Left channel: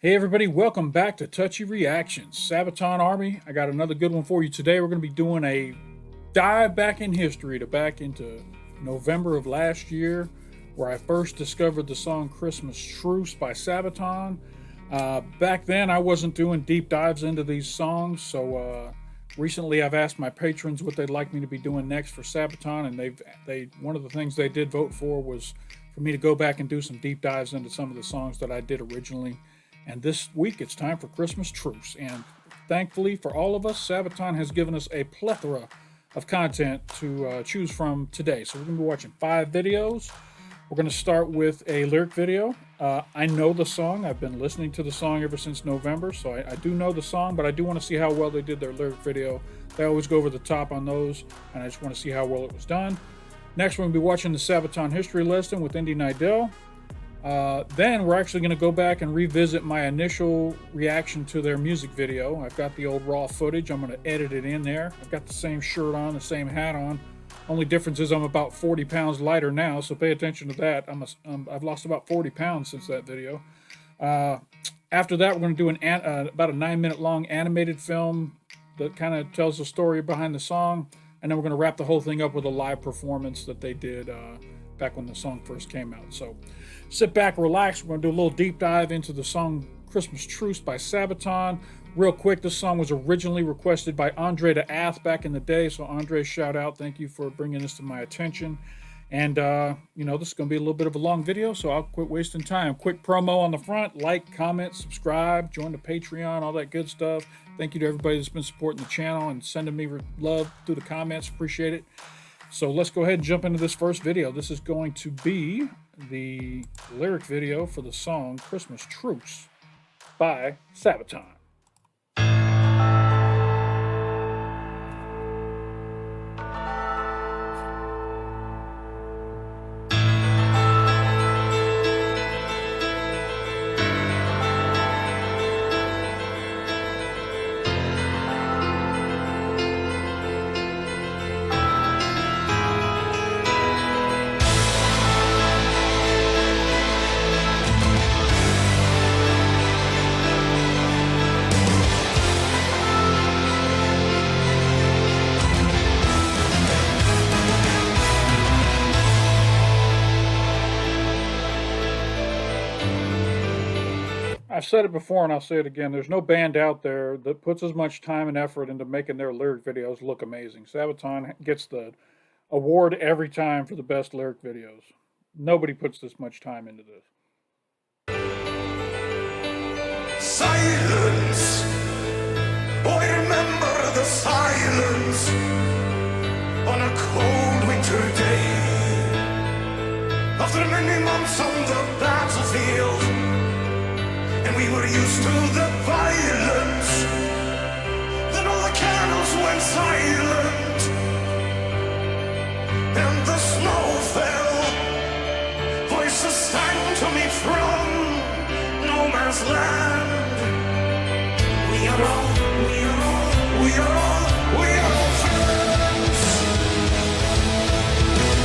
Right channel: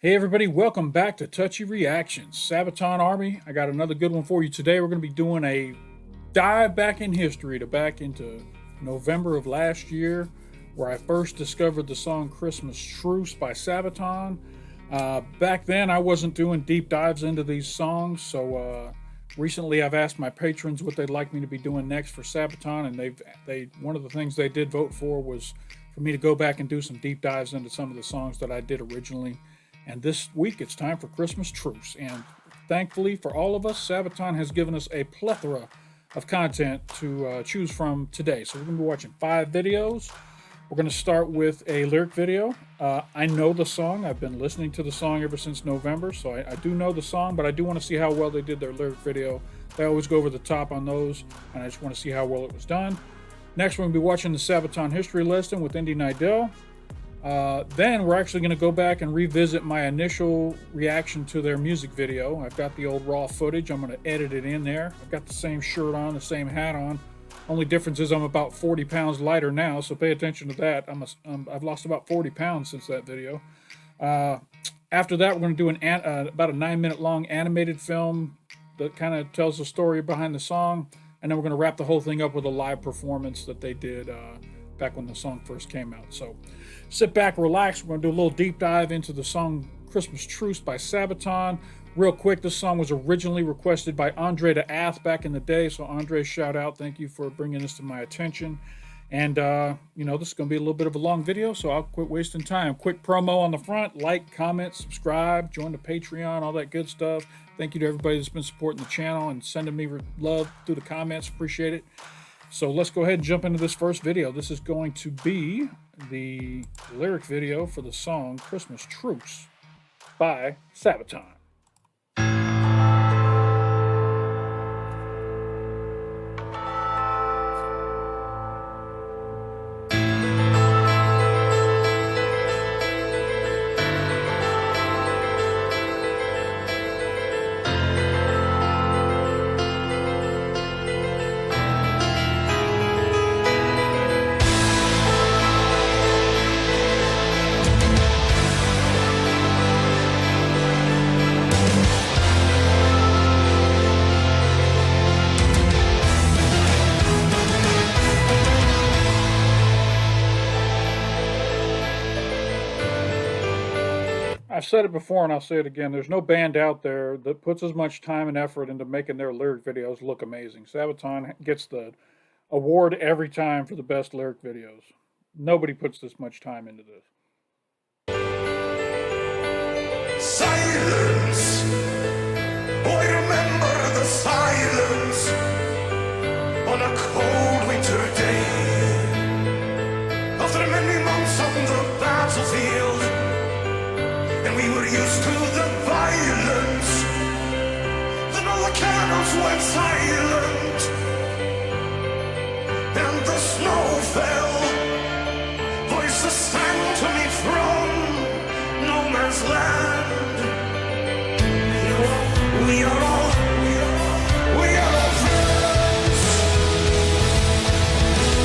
Hey everybody, welcome back to Touchy Reactions. Sabaton Army, I got another good one for you today. We're going to be doing a dive back in history to back into November of last year, where I first discovered the song Christmas Truce by Sabaton. Back then, I wasn't doing deep dives into these songs, so recently I've asked my patrons what they'd like me to be doing next for Sabaton, and they one of the things they did vote for was for me to go back and do some deep dives into some of the songs that I did originally. And this week it's time for Christmas Truce. And thankfully for all of us, Sabaton has given us a plethora of content to choose from today. So we're going to be watching 5 videos. We're going to start with a lyric video. I know the song. I've been listening to the song ever since November, so I do know the song, but I do want to see how well they did their lyric video. They always go over the top on those, and I just want to see how well it was done. Next, we're going to be watching the Sabaton History lesson with Indy Nidell. Then we're actually going to go back and revisit my initial reaction to their music video. I've got the old raw footage. I'm going to edit it in there. I've got the same shirt on, the same hat on. Only difference is I'm about 40 pounds lighter now, so pay attention to that. I've lost about 40 pounds since that video. After that, we're going to do about a 9-minute long animated film that kind of tells the story behind the song. And then we're going to wrap the whole thing up with a live performance that they did back when the song first came out. So sit back, relax. We're going to do a little deep dive into the song Christmas Truce by Sabaton. Real quick, this song was originally requested by Andre the Ath back in the day. So Andre, shout out. Thank you for bringing this to my attention. And, this is going to be a little bit of a long video, so I'll quit wasting time. Quick promo on the front. Like, comment, subscribe, join the Patreon, all that good stuff. Thank you to everybody that's been supporting the channel and sending me love through the comments. Appreciate it. So let's go ahead and jump into this first video. This is going to be the lyric video for the song Christmas Truce by Sabaton. I've said it before and I'll say it again. There's no band out there that puts as much time and effort into making their lyric videos look amazing. Sabaton gets the award every time for the best lyric videos. Nobody puts this much time into this. Silence. Boy, remember the silence on a cold winter day. After many months on the battlefield, and we were used to the violence. Then all the candles went silent, and the snow fell. Voices sang to me from no man's land. We are all friends.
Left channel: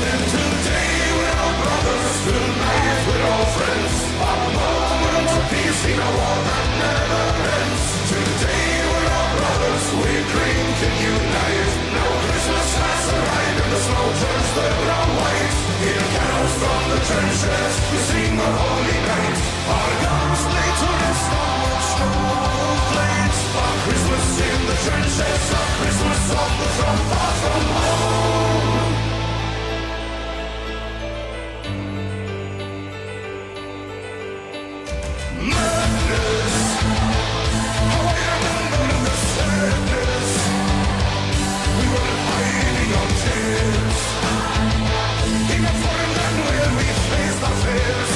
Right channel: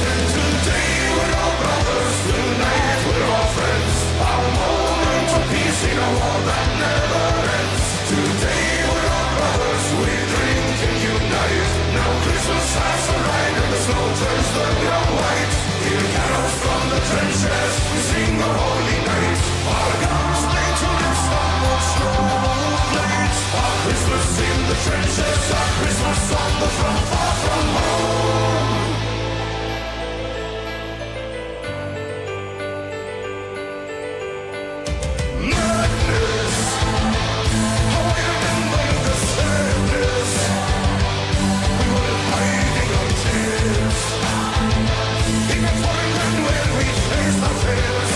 And today we're all brothers, tonight we're all friends. Our moment of peace in a war that never ends. Today we're all brothers, we drink and unite. Now Christmas has arrived and the snow turns the ground white. Hear carols from the trenches, we sing a holy night. Our guns lay to rest on what snowflakes. Our Christmas in the trenches, our Christmas on the front, far from home. Madness, how I remember the sadness. We were hiding our tears. Even for a land where we faced our fears.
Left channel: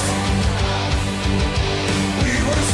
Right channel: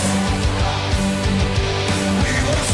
We were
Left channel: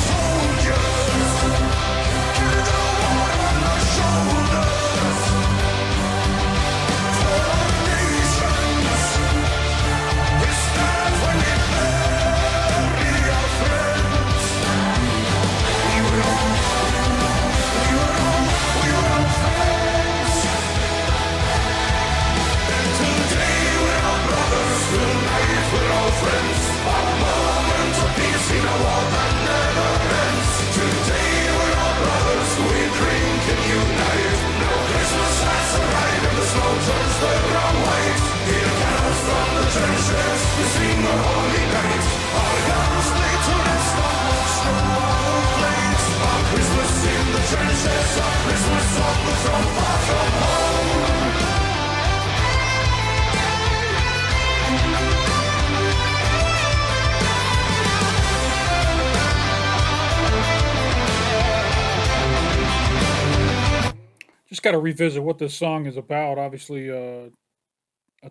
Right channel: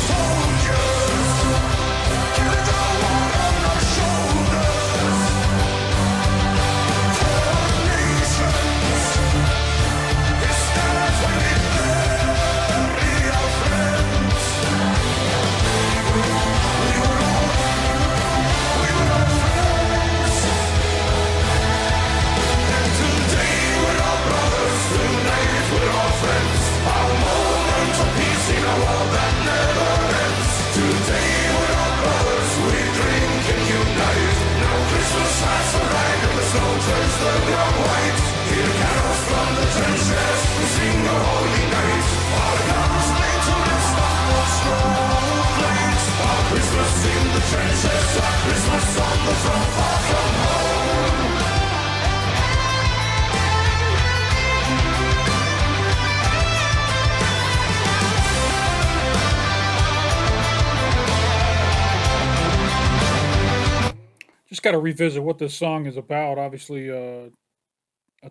just got to revisit what this song is about. Obviously, a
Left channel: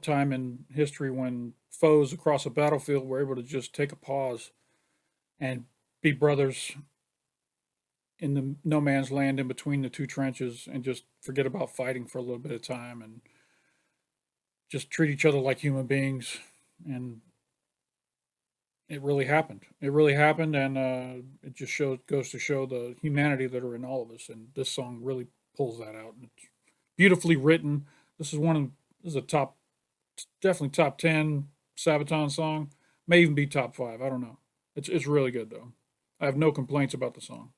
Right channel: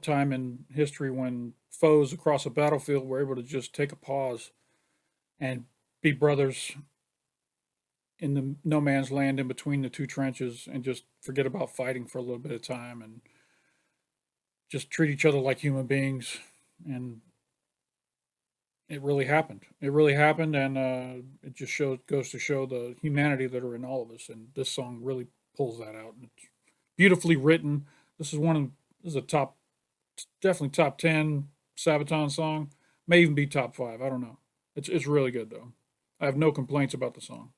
time in history when foes across a battlefield were able to just take a pause and be brothers in the no man's land in between the two trenches and just forget about fighting for a little bit of time and just treat each other like human beings. And it really happened. It really happened, and it just goes to show the humanity that are in all of us. And this song really pulls that out. And it's beautifully written. This is a definitely top 10 Sabaton song. May even be top 5. I don't know. It's really good though. I have no complaints about the song.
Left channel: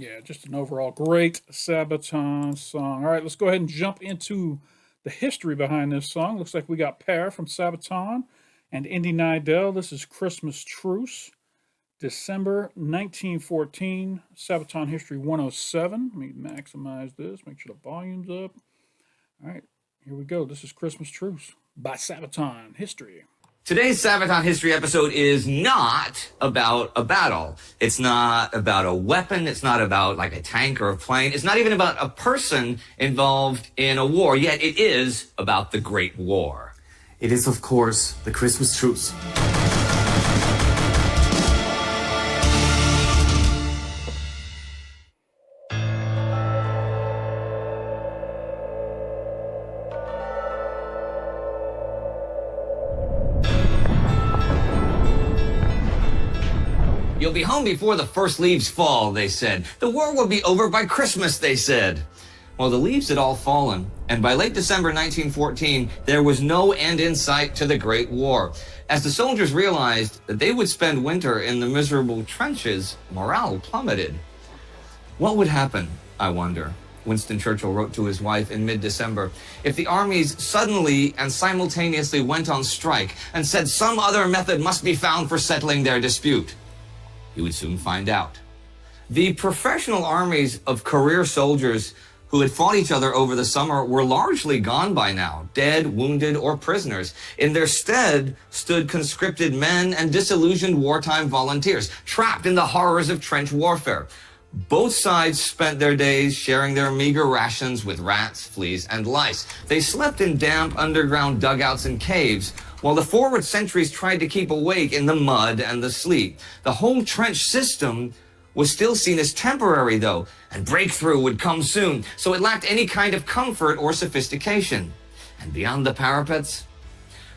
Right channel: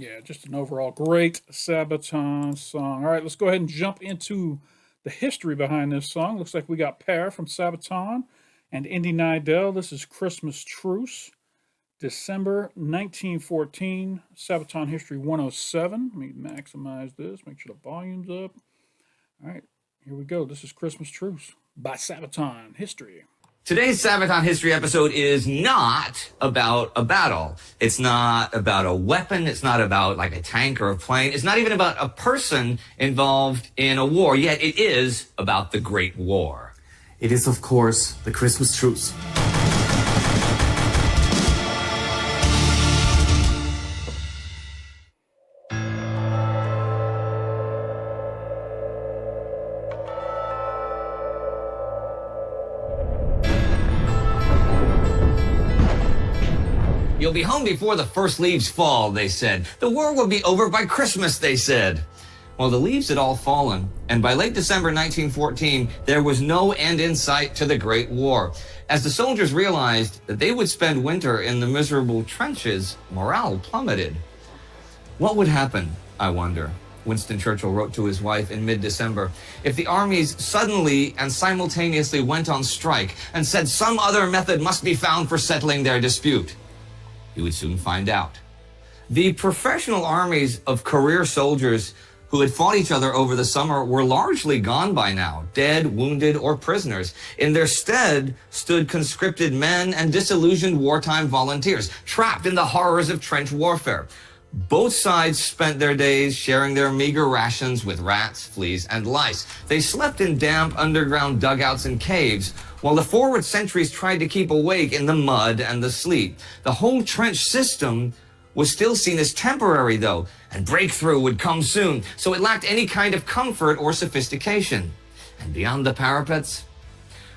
Yeah, just an overall great Sabaton song. All right, let's go ahead and jump into the history behind this song. Looks like we got Pear from Sabaton and Indy Nidell. This is Christmas Truce, December 1914, Sabaton History 107. Let me maximize this, make sure the volume's up. All right, here we go. This is Christmas Truce by Sabaton History. Today's Sabaton History episode is not about a battle. It's not about a weapon. It's not about like a tank or a plane. It's not even about a person involved in a war, yet it is about the Great War. It is, of course, the Christmas truce. You'll be home before the first leaves fall, they said. The war will be over by Christmas, they said. Well, the leaves had all fallen, and by late December 1914, there was no end in sight to the Great War. As the soldiers realized that they would spend winter in the miserable trenches, morale plummeted. What would happen, I wonder, Winston Churchill wrote to his wife in mid-December, if the armies suddenly and simultaneously went on strike and said some other method must be found for settling their dispute? He would soon find out. The professional armies of career soldiers who had fought each other over the summer were largely gone by now, dead, wounded, or prisoners. In their stead stood conscripted men and disillusioned wartime volunteers, trapped in the horrors of trench warfare. Both sides spent their days sharing their meager rations with rats, fleas, and lice. They slept in damp underground dugouts and caves, while the forward sentries tried to keep awake in the mud and the sleet. The whole trench system was still seen as temporary, though, and breakthrough would come soon, so it lacked any kind of comfort or sophistication. And beyond the parapets?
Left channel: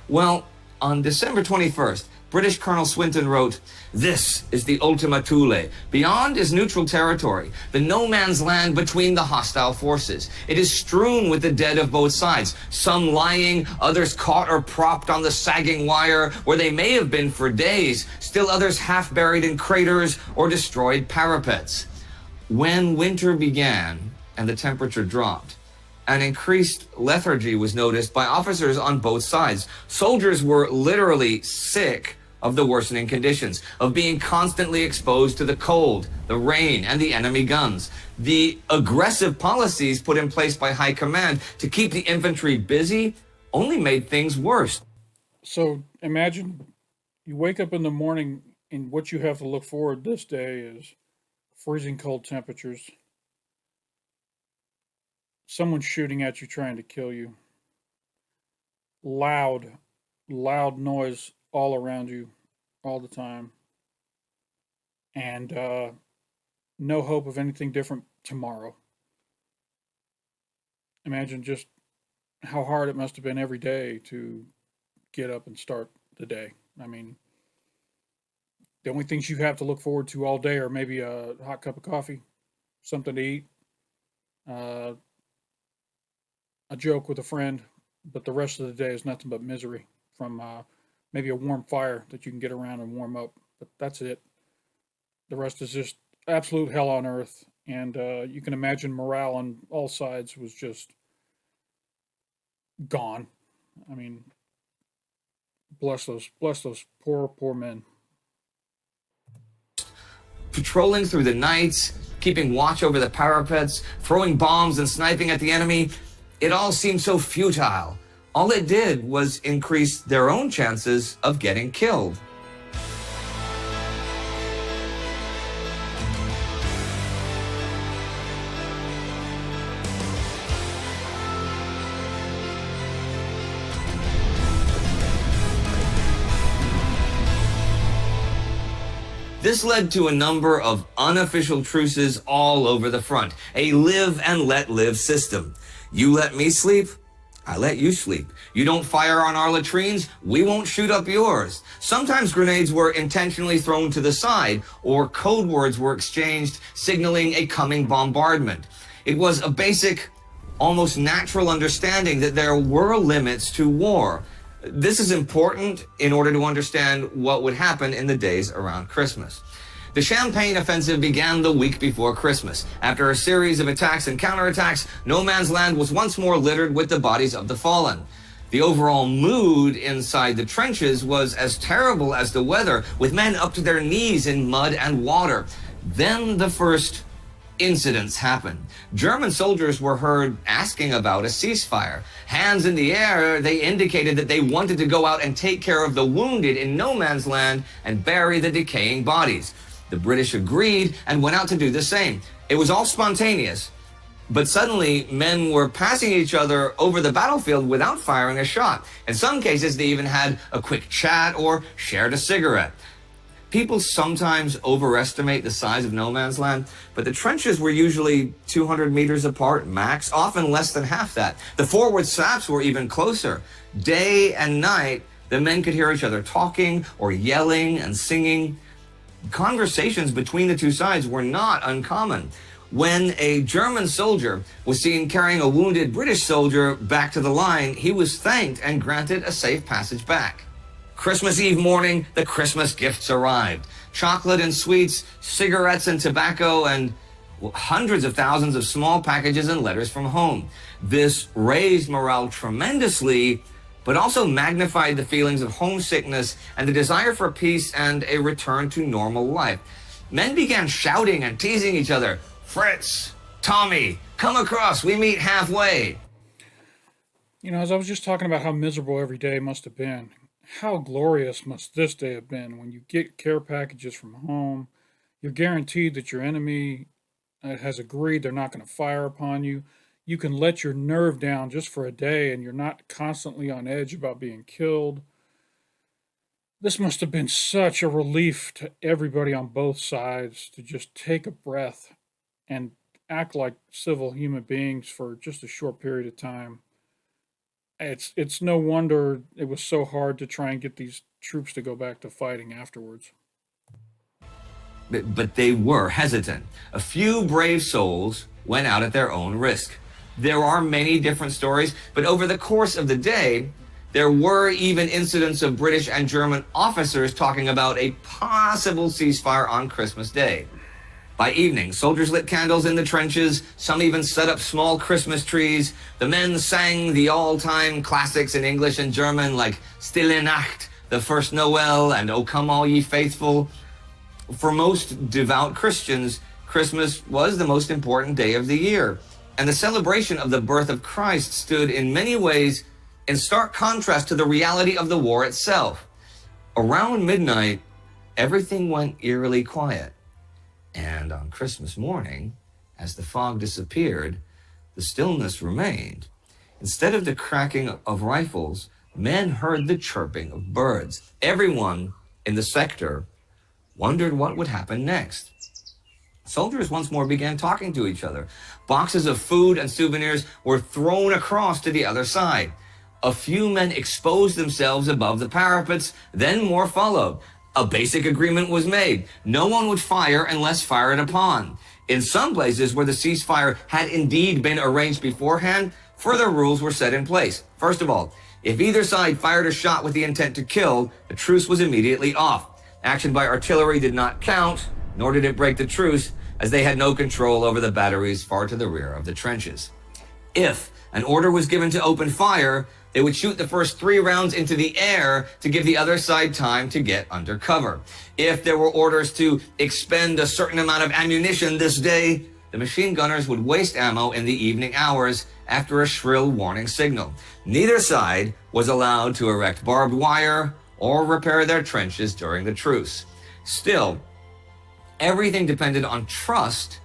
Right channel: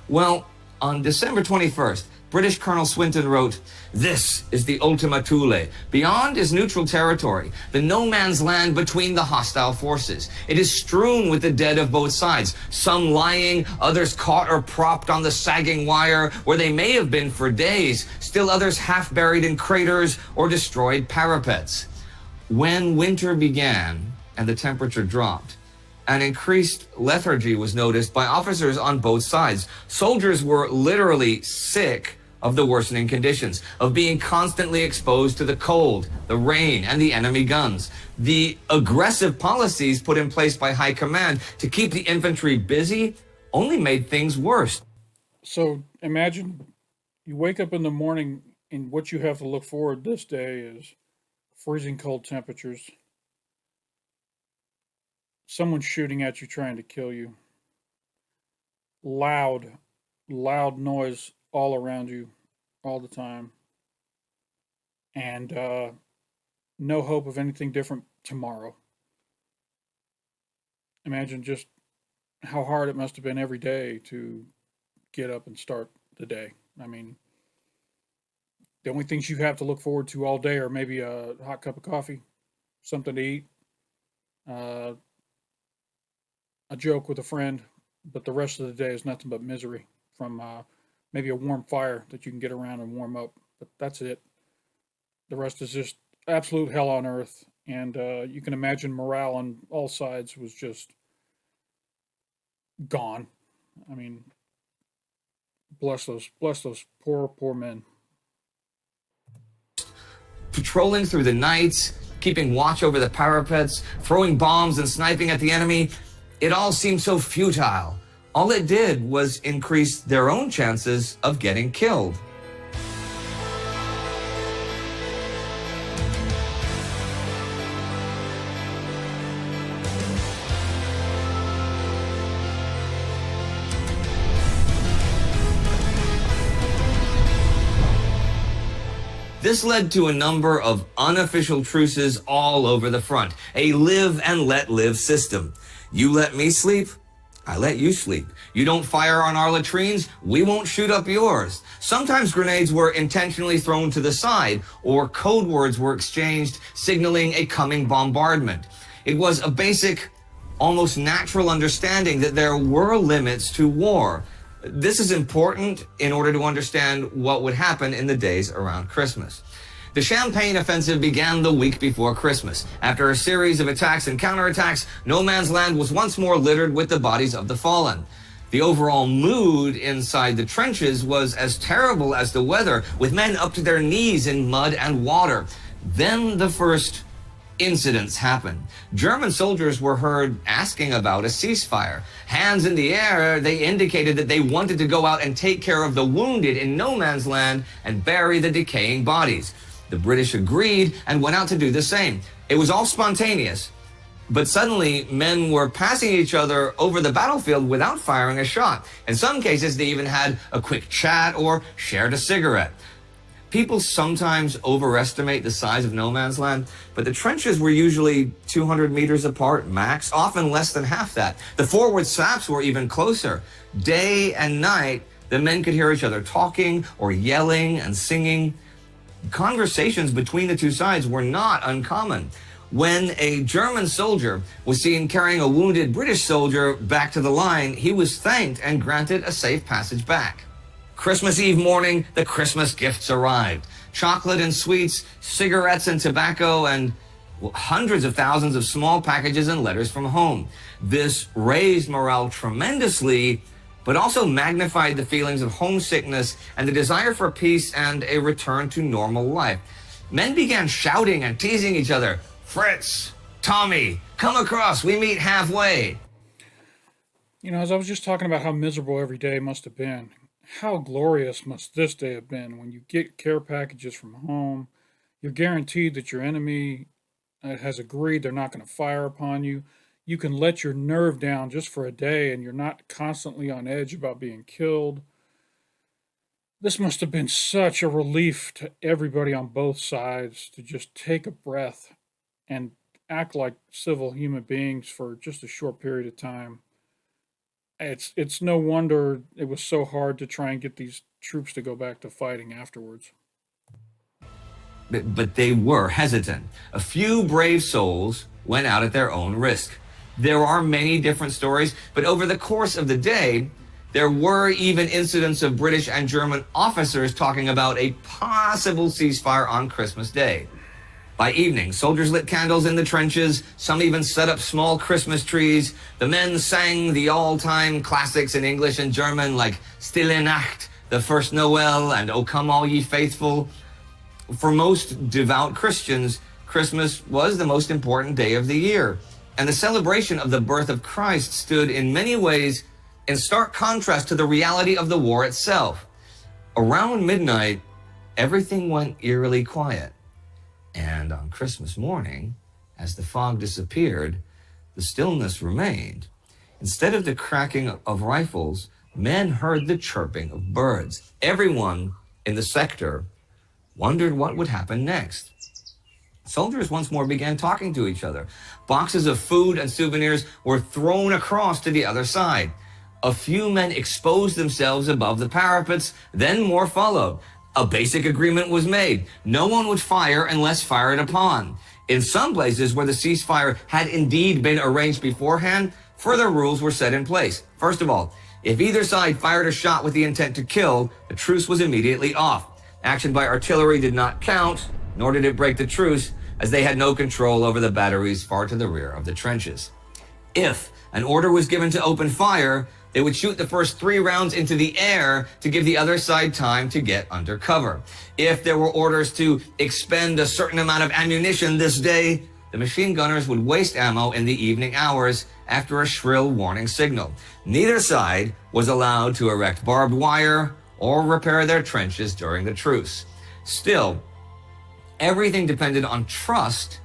Well, on December 21st, British Colonel Swinton wrote, "This is the Ultima Thule. Beyond is neutral territory, the no man's land between the hostile forces. It is strewn with the dead of both sides, some lying, others caught or propped on the sagging wire where they may have been for days, still others half buried in craters or destroyed parapets." When winter began and the temperature dropped, an increased lethargy was noticed by officers on both sides. Soldiers were literally sick of the worsening conditions, of being constantly exposed to the cold, the rain, and the enemy guns. The aggressive policies put in place by high command to keep the infantry busy only made things worse. So imagine you wake up in the morning and what you have to look forward this day is freezing cold temperatures, someone shooting at you trying to kill you, loud, loud noise all around you all the time, and no hope of anything different tomorrow. Imagine just how hard it must have been every day to get up and start the day. I mean, the only things you have to look forward to all day are maybe a hot cup of coffee, something to eat, uh, a joke with a friend, but the rest of the day is nothing but misery from maybe a warm fire that you can get around and warm up. But that's it. The rest is just absolute hell on earth. And you can imagine morale on all sides was just gone. I mean, bless those poor men. Patrolling through the nights, keeping watch over the parapets, throwing bombs and sniping at the enemy, it all seemed so futile. All it did was increase their own chances of getting killed. This led to a number of unofficial truces all over the front, a live and let live system. You let me sleep, I let you sleep. You don't fire on our latrines, we won't shoot up yours. Sometimes grenades were intentionally thrown to the side, or code words were exchanged signaling a coming bombardment. It was a basic, almost natural understanding that there were limits to war. This is important in order to understand what would happen in the days around Christmas. The Champagne offensive began the week before Christmas. After a series of attacks and counterattacks, no man's land was once more littered with the bodies of the fallen. The overall mood inside the trenches was as terrible as the weather, with men up to their knees in mud and water. Then the first incidents happened. German soldiers were heard asking about a ceasefire. Hands in the air, they indicated that they wanted to go out and take care of the wounded in no man's land and bury the decaying bodies. The British agreed and went out to do the same. It was all spontaneous, but suddenly men were passing each other over the battlefield without firing a shot. In some cases, they even had a quick chat or shared a cigarette. People sometimes overestimate the size of no man's land, but the trenches were usually 200 meters apart max, often less than half that. The forward saps were even closer. Day and night, the men could hear each other talking or yelling and singing. Conversations between the two sides were not uncommon. When a German soldier was seen carrying a wounded British soldier back to the line, he was thanked and granted a safe passage back. Christmas Eve morning, the Christmas gifts arrived. Chocolate and sweets, cigarettes and tobacco, and hundreds of thousands of small packages and letters from home. This raised morale tremendously, but also magnified the feelings of homesickness and the desire for peace and a return to normal life. Men began shouting and teasing each other. "Fritz, Tommy, come across, we meet halfway." You know, as I was just talking about how miserable every day must have been, how glorious must this day have been when you get care packages from home. You're guaranteed that your enemy has agreed they're not going to fire upon you. You can let your nerve down just for a day and you're not constantly on edge about being killed. This must have been such a relief to everybody on both sides to just take a breath and act like civil human beings for just a short period of time. It's no wonder it was so hard to try and get these troops to go back to fighting afterwards. But they were hesitant. A few brave souls went out at their own risk. There are many different stories, but over the course of the day, there were even incidents of British and German officers talking about a possible ceasefire on Christmas Day. By evening, soldiers lit candles in the trenches. Some even set up small Christmas trees. The men sang the all-time classics in English and German like Stille Nacht, The First Noel, and O Come All Ye Faithful. For most devout Christians, Christmas was the most important day of the year. And the celebration of the birth of Christ stood in many ways in stark contrast to the reality of the war itself. Around midnight, everything went eerily quiet. And on Christmas morning, as the fog disappeared, the stillness remained. Instead of the cracking of rifles, men heard the chirping of birds. Everyone in the sector wondered what would happen next. Soldiers once more began talking to each other. Boxes of food and souvenirs were thrown across to the other side. A few men exposed themselves above the parapets, then more followed. A basic agreement was made. No one would fire unless fired upon. In some places where the ceasefire had indeed been arranged beforehand, further rules were set in place. First of all, if either side fired a shot with the intent to kill, the truce was immediately off. Action by artillery did not count, nor did it break the truce, as they had no control over the batteries far to the rear of the trenches. If an order was given to open fire, they would shoot the first 3 rounds into the air to give the other side time to get under cover. If there were orders to expend a certain amount of ammunition this day, the machine gunners would waste ammo in the evening hours after a shrill warning signal. Neither side was allowed to erect barbed wire or repair their trenches during the truce. Still, everything depended on trust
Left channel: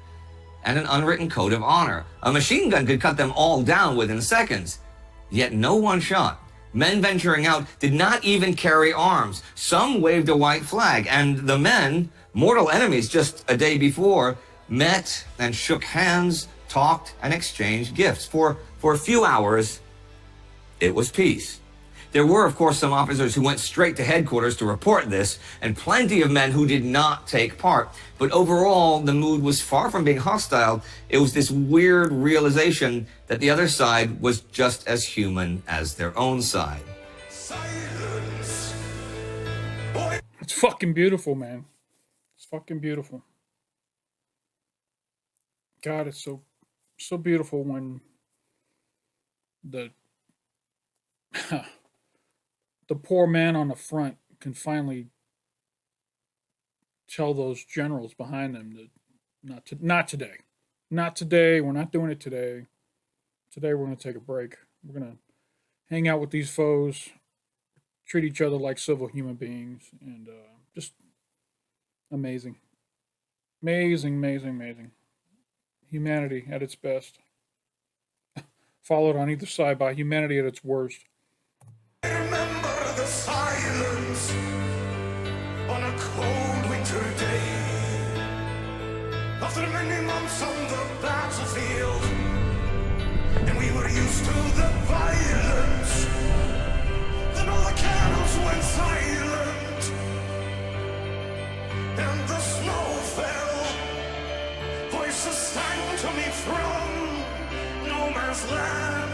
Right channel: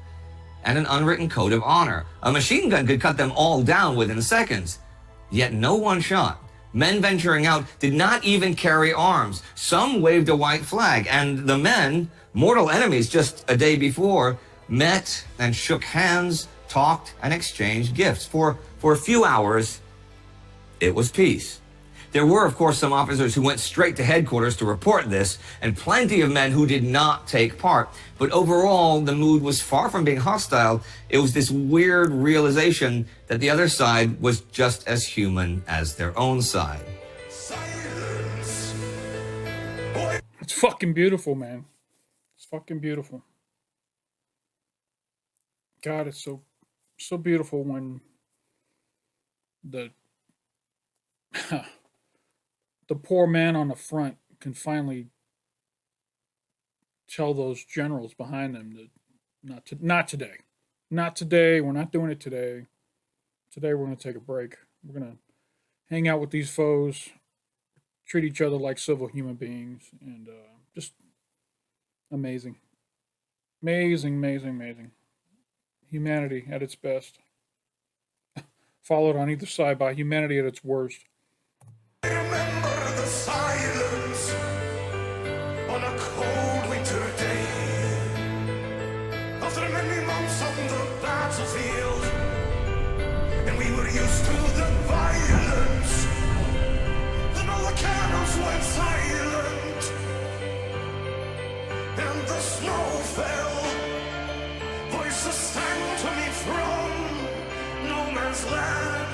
and an unwritten code of honor. A machine gun could cut them all down within seconds, yet no one shot. Men venturing out did not even carry arms. Some waved a white flag, and the men, mortal enemies just a day before, met and shook hands, talked, and exchanged gifts. For a few hours, it was peace. There were, of course, some officers who went straight to headquarters to report this, and plenty of men who did not take part. But overall, the mood was far from being hostile. It was this weird realization that the other side was just as human as their own side. Silence. It's fucking beautiful, man. It's fucking beautiful. God, it's so beautiful when the the poor man on the front can finally tell those generals behind them that not today. We're not doing it today. Today we're going to take a break. We're going to hang out with these foes, treat each other like civil human beings, and just amazing. Humanity at its best, followed on either side by humanity at its worst. Remember the silence on a cold winter day. After many months on the battlefield, and we were used to the violence. Then all the cannons went silent, and the snow fell. Voices sang to me from no man's land.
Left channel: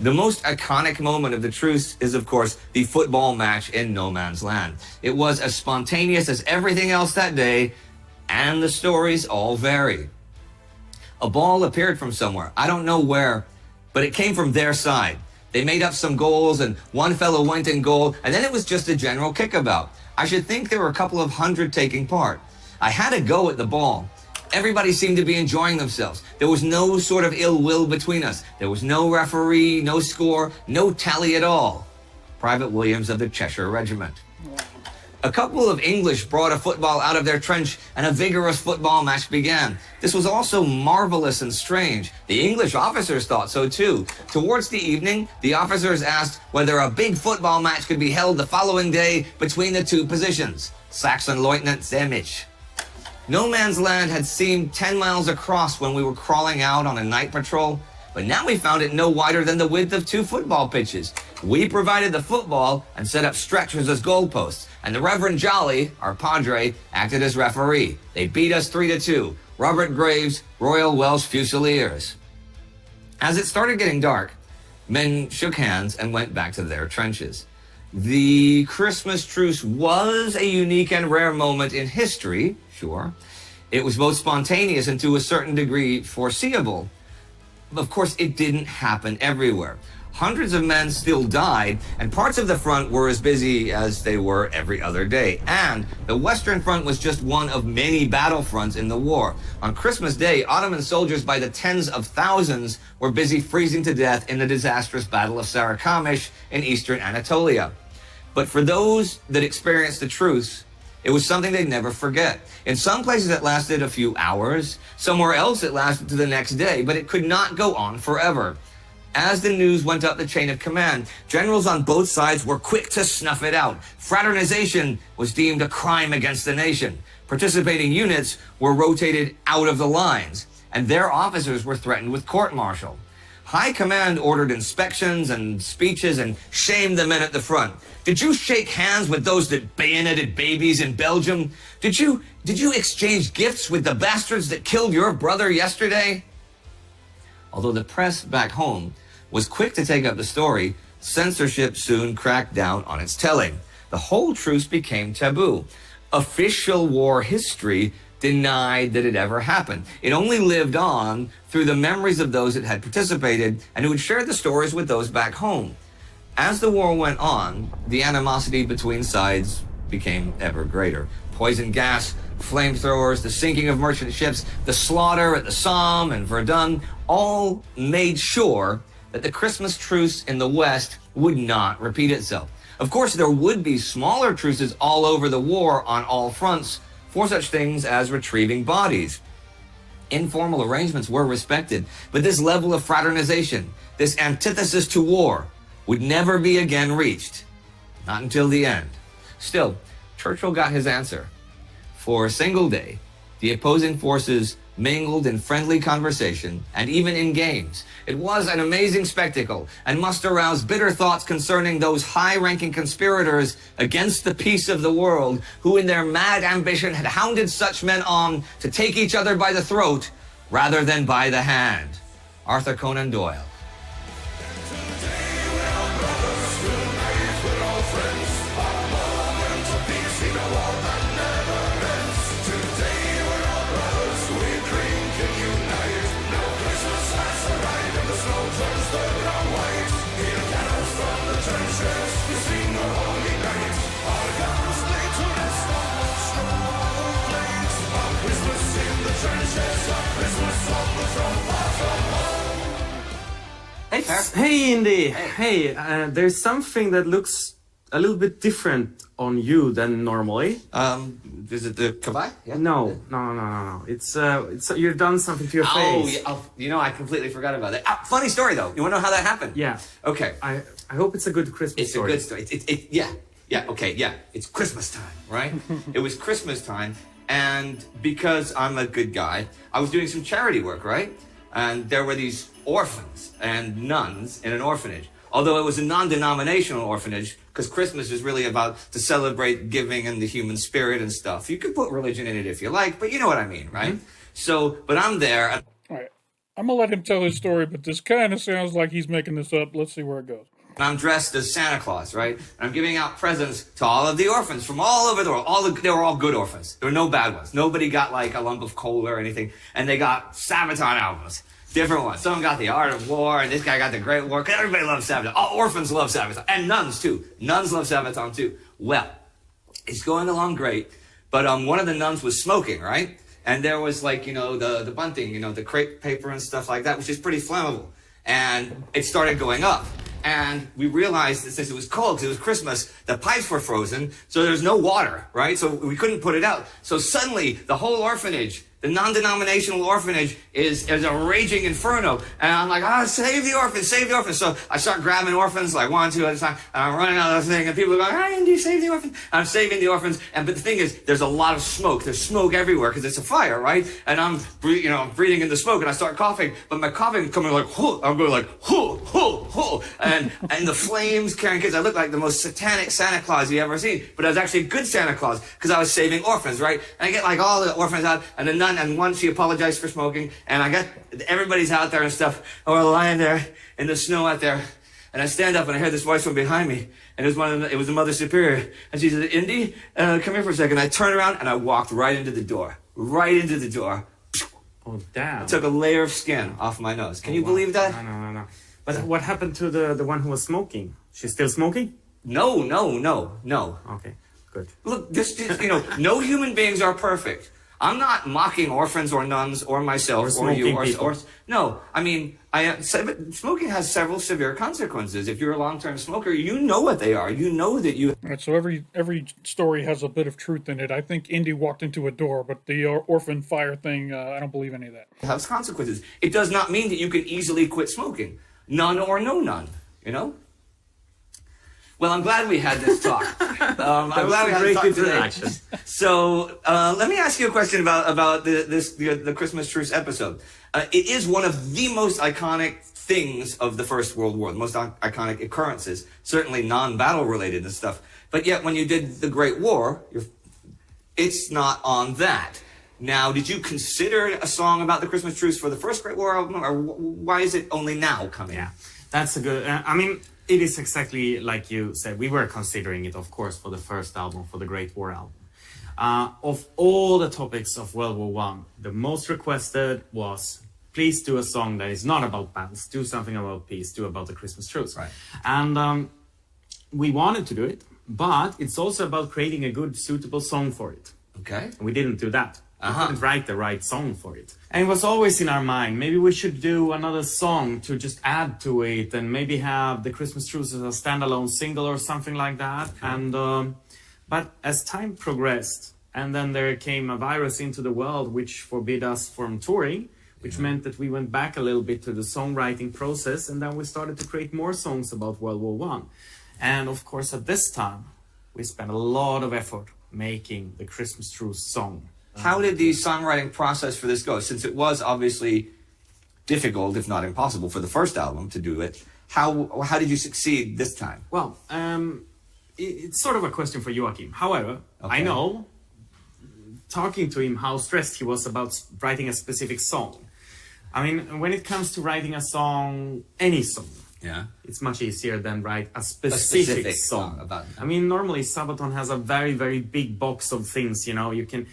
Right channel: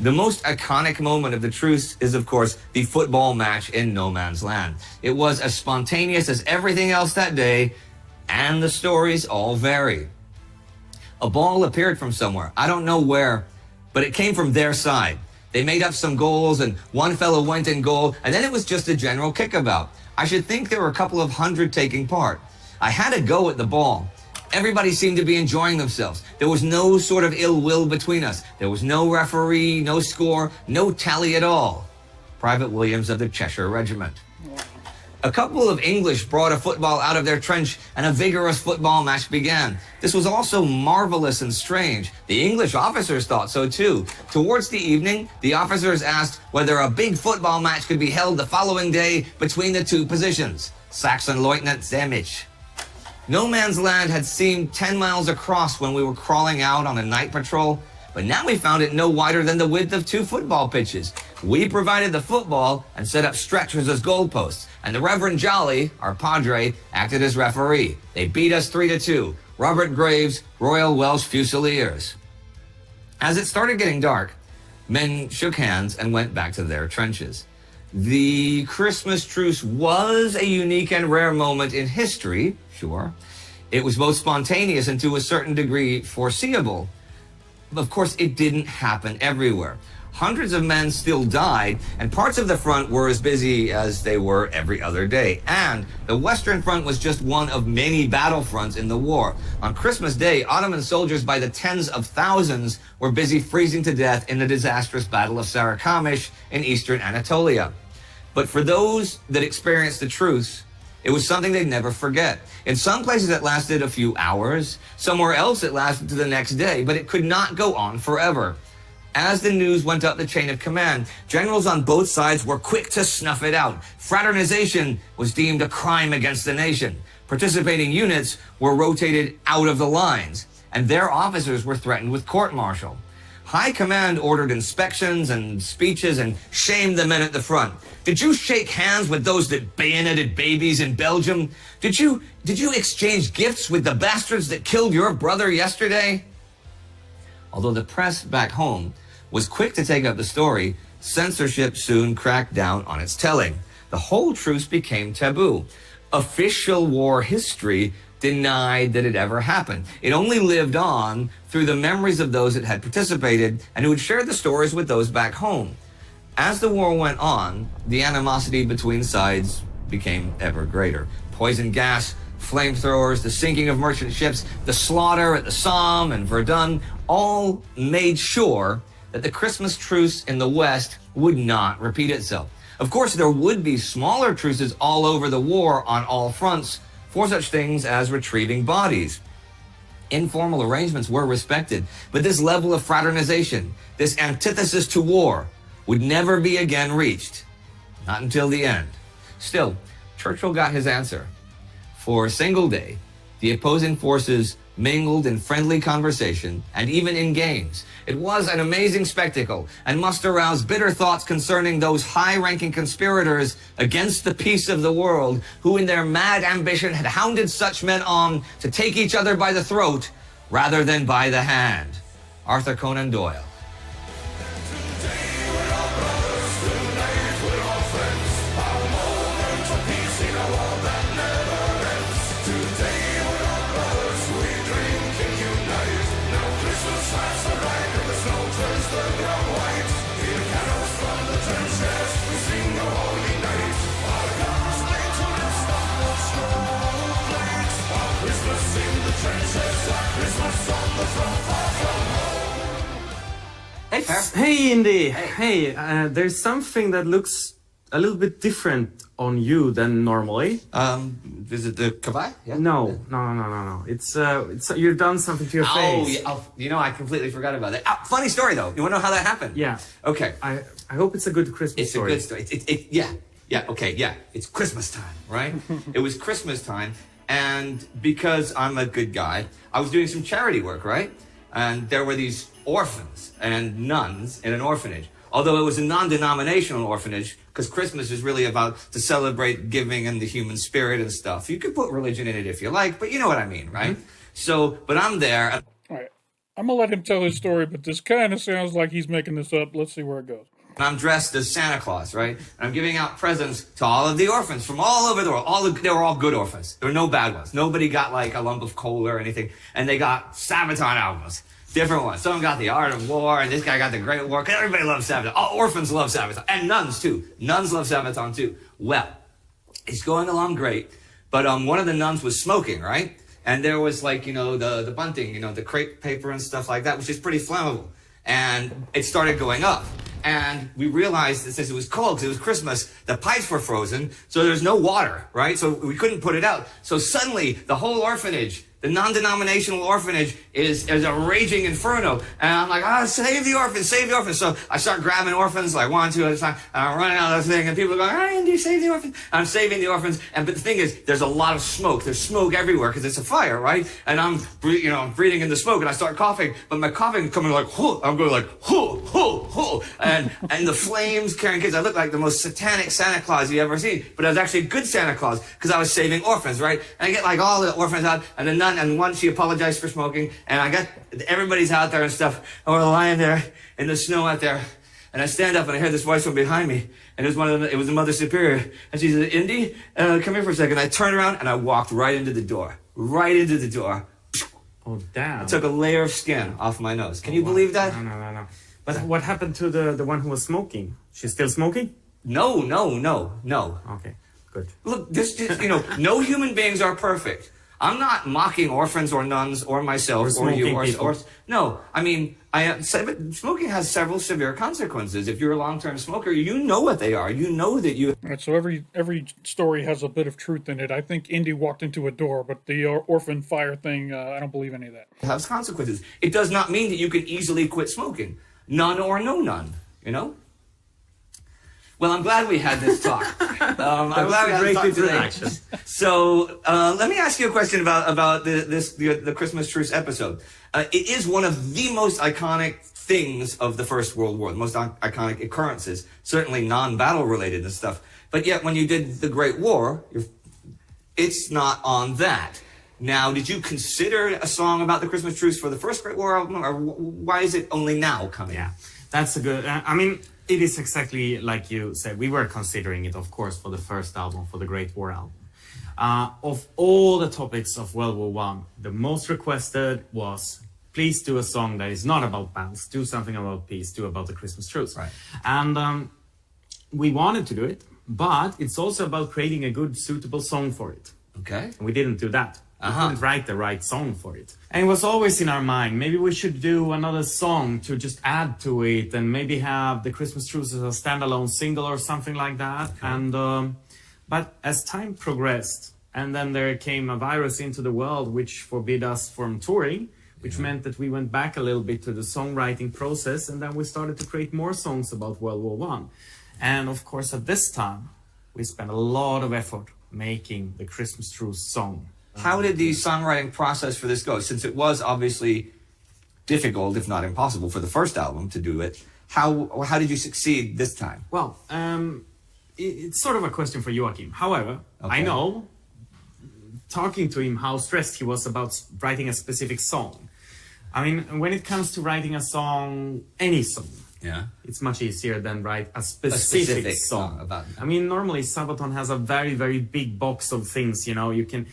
The most iconic moment of the truce is, of course, the football match in no man's land. It was as spontaneous as everything else that day, and the stories all vary. A ball appeared from somewhere. I don't know where, but it came from their side. They made up some goals, and one fellow went in goal, and then it was just a general kickabout. I should think there were a couple of hundred taking part. I had a go at the ball. Everybody seemed to be enjoying themselves. There was no sort of ill will between us. There was no referee, no score, no tally at all. Private Williams of the Cheshire Regiment. A couple of English brought a football out of their trench, and a vigorous football match began. This was also marvelous and strange. The English officers thought so too. Towards the evening, the officers asked whether a big football match could be held the following day between the two positions. Saxon Lieutenant Zemich. No Man's Land had seemed 10 miles across when we were crawling out on a night patrol, but now we found it no wider than the width of 2 football pitches. We provided the football and set up stretchers as goalposts, and the Reverend Jolly, our padre, acted as referee. They beat us 3-2. Robert Graves, Royal Welsh Fusiliers. As it started getting dark, men shook hands and went back to their trenches. The Christmas truce was a unique and rare moment in history, sure. It was both spontaneous and to a certain degree foreseeable. Of course, it didn't happen everywhere. Hundreds of men still died, and parts of the front were as busy as they were every other day. And the Western Front was just one of many battlefronts in the war. On Christmas Day, Ottoman soldiers by the tens of thousands were busy freezing to death in the disastrous Battle of Sarikamish in eastern Anatolia. But for those that experienced the truce, it was something they'd never forget. In some places it lasted a few hours, somewhere else it lasted to the next day, but it could not go on forever. As the news went up the chain of command, generals on both sides were quick to snuff it out. Fraternization was deemed a crime against the nation. Participating units were rotated out of the lines, and their officers were threatened with court-martial. High command ordered inspections and speeches and shamed the men at the front. Did you shake hands with those that bayoneted babies in Belgium? Did you exchange gifts with the bastards that killed your brother yesterday? Although the press back home was quick to take up the story, censorship soon cracked down on its telling. The whole truce became taboo. Official war history denied that it ever happened. It only lived on through the memories of those that had participated and who had shared the stories with those back home. As the war went on, the animosity between sides became ever greater. Poison gas, flamethrowers, the sinking of merchant ships, the slaughter at the Somme and Verdun, all made sure that the Christmas truce in the West would not repeat itself. Of course, there would be smaller truces all over the war on all fronts for such things as retrieving bodies. Informal arrangements were respected, but this level of fraternization, this antithesis to war, would never be again reached. Not until the end. Still, Churchill got his answer. For a single day, the opposing forces mingled in friendly conversation and even in games. It was an amazing spectacle and must arouse bitter thoughts concerning those high-ranking conspirators against the peace of the world who in their mad ambition had hounded such men on to take each other by the throat rather than by the hand. Arthur Conan Doyle. Hey, Per. Hey, Indy. Hey, there's something that looks a little bit different on you than normally. Is it the kavai? Yeah. No. It's you've done something to your face. Yeah. I completely forgot about that. Funny story though. You want to know how that happened? Yeah. Okay. I hope it's a good Christmas story. It's a good story. Yeah. It's Christmas time, right? It was Christmas time, and because I'm a good guy, I was doing some charity work, right? And there were these orphans and nuns in an orphanage. Although it was a non-denominational orphanage, because Christmas is really about to celebrate giving and the human spirit and stuff. You could put religion in it if you like, but you know what I mean, right? Mm-hmm. So, but I'm there. All right. I'm going to let him tell his story, but this kind of sounds like he's making this up. Let's see where it goes. I'm dressed as Santa Claus, right? And I'm giving out presents to all of the orphans from all over the world. They were all good orphans. There were no bad ones. Nobody got like a lump of coal or anything. And they got Sabaton albums. Different ones. Someone got The Art of War, and this guy got The Great War. Because everybody loves Sabaton. All orphans love Sabaton. And nuns, too. Nuns love Sabaton, too. Well, it's going along great. But one of the nuns was smoking, right? And there was like, the bunting, the crepe paper and stuff like that, which is pretty flammable. And it started going up. And we realized that since it was cold, because it was Christmas, the pipes were frozen, so there's no water, right? So we couldn't put it out. So suddenly, the whole orphanage The non-denominational orphanage is a raging inferno. And I'm like, save the orphans, save the orphans. So I start grabbing orphans like one, two at a time, and I'm running out of the thing, and people are going, Andy, save the orphans. I'm saving the orphans. But the thing is, there's a lot of smoke. There's smoke everywhere because it's a fire, right? And I'm breathing in the smoke, and I start coughing, but my coughing is coming like, whoo. I'm going like, whoo, whoo, whoo. And the flames carrying kids. I look like the most satanic Santa Claus you ever seen, but I was actually a good Santa Claus because I was saving orphans, right? And I get like all the orphans out, and the nun, and one, she apologized for smoking, and I got everybody's out there and stuff, and we're lying there in the snow out there, and I stand up and I hear this voice from behind me, and it was the Mother Superior, and she said, Indy, come here for a second. I turned around and I walked right into the door. Oh, damn. I took a layer of skin off my nose. Can you believe that? No. But what happened to the one who was smoking? She's still smoking? No. Okay, good. Look, no human beings are perfect. I'm not mocking orphans or nuns or myself or you or no. I mean, smoking has several severe consequences. If you're a long-term smoker, you know what they are. You know that you. All right, so every story has a bit of truth in it. I think Indy walked into a door, but the orphan fire thing, I don't believe any of that. Has consequences. It does not mean that you can easily quit smoking. None or no none. You know. Well, I'm glad we had this talk. I'm glad we had this talk today. So let me ask you a question about the Christmas Truce episode. It is one of the most iconic things of the First World War, the most iconic occurrences, certainly non-battle related and stuff. But yet when you did the Great War, it's not on that. Now, did you consider a song about the Christmas Truce for the first Great War album, or why is it only now coming? Yeah, that's a good... I mean... It is exactly like you said. We were considering it, of course, for the first album, for the Great War album. Of all the topics of World War One, the most requested was, please do a song that is not about battles, do something about peace, do about the Christmas truce. Right. And we wanted to do it, but it's also about creating a good, suitable song for it. Okay. And we didn't do that. We couldn't write the right song for it. And it was always in our mind, maybe we should do another song to just add to it and maybe have the Christmas Truce as a standalone single or something like that. Okay. And but as time progressed, and then there came a virus into the world which forbid us from touring, which meant that we went back a little bit to the songwriting process, and then we started to create more songs about World War One. And of course, at this time, we spent a lot of effort making the Christmas Truce song. How did the songwriting process for this go? Since it was obviously difficult, if not impossible, for the first album to do it, how did you succeed this time? Well, it's sort of a question for Joachim. However, I know, talking to him, how stressed he was about writing a specific song. I mean, when it comes to writing a song, any song, it's much easier than write a specific song. About I mean, normally Sabaton has a very, very big box of things, you know, you can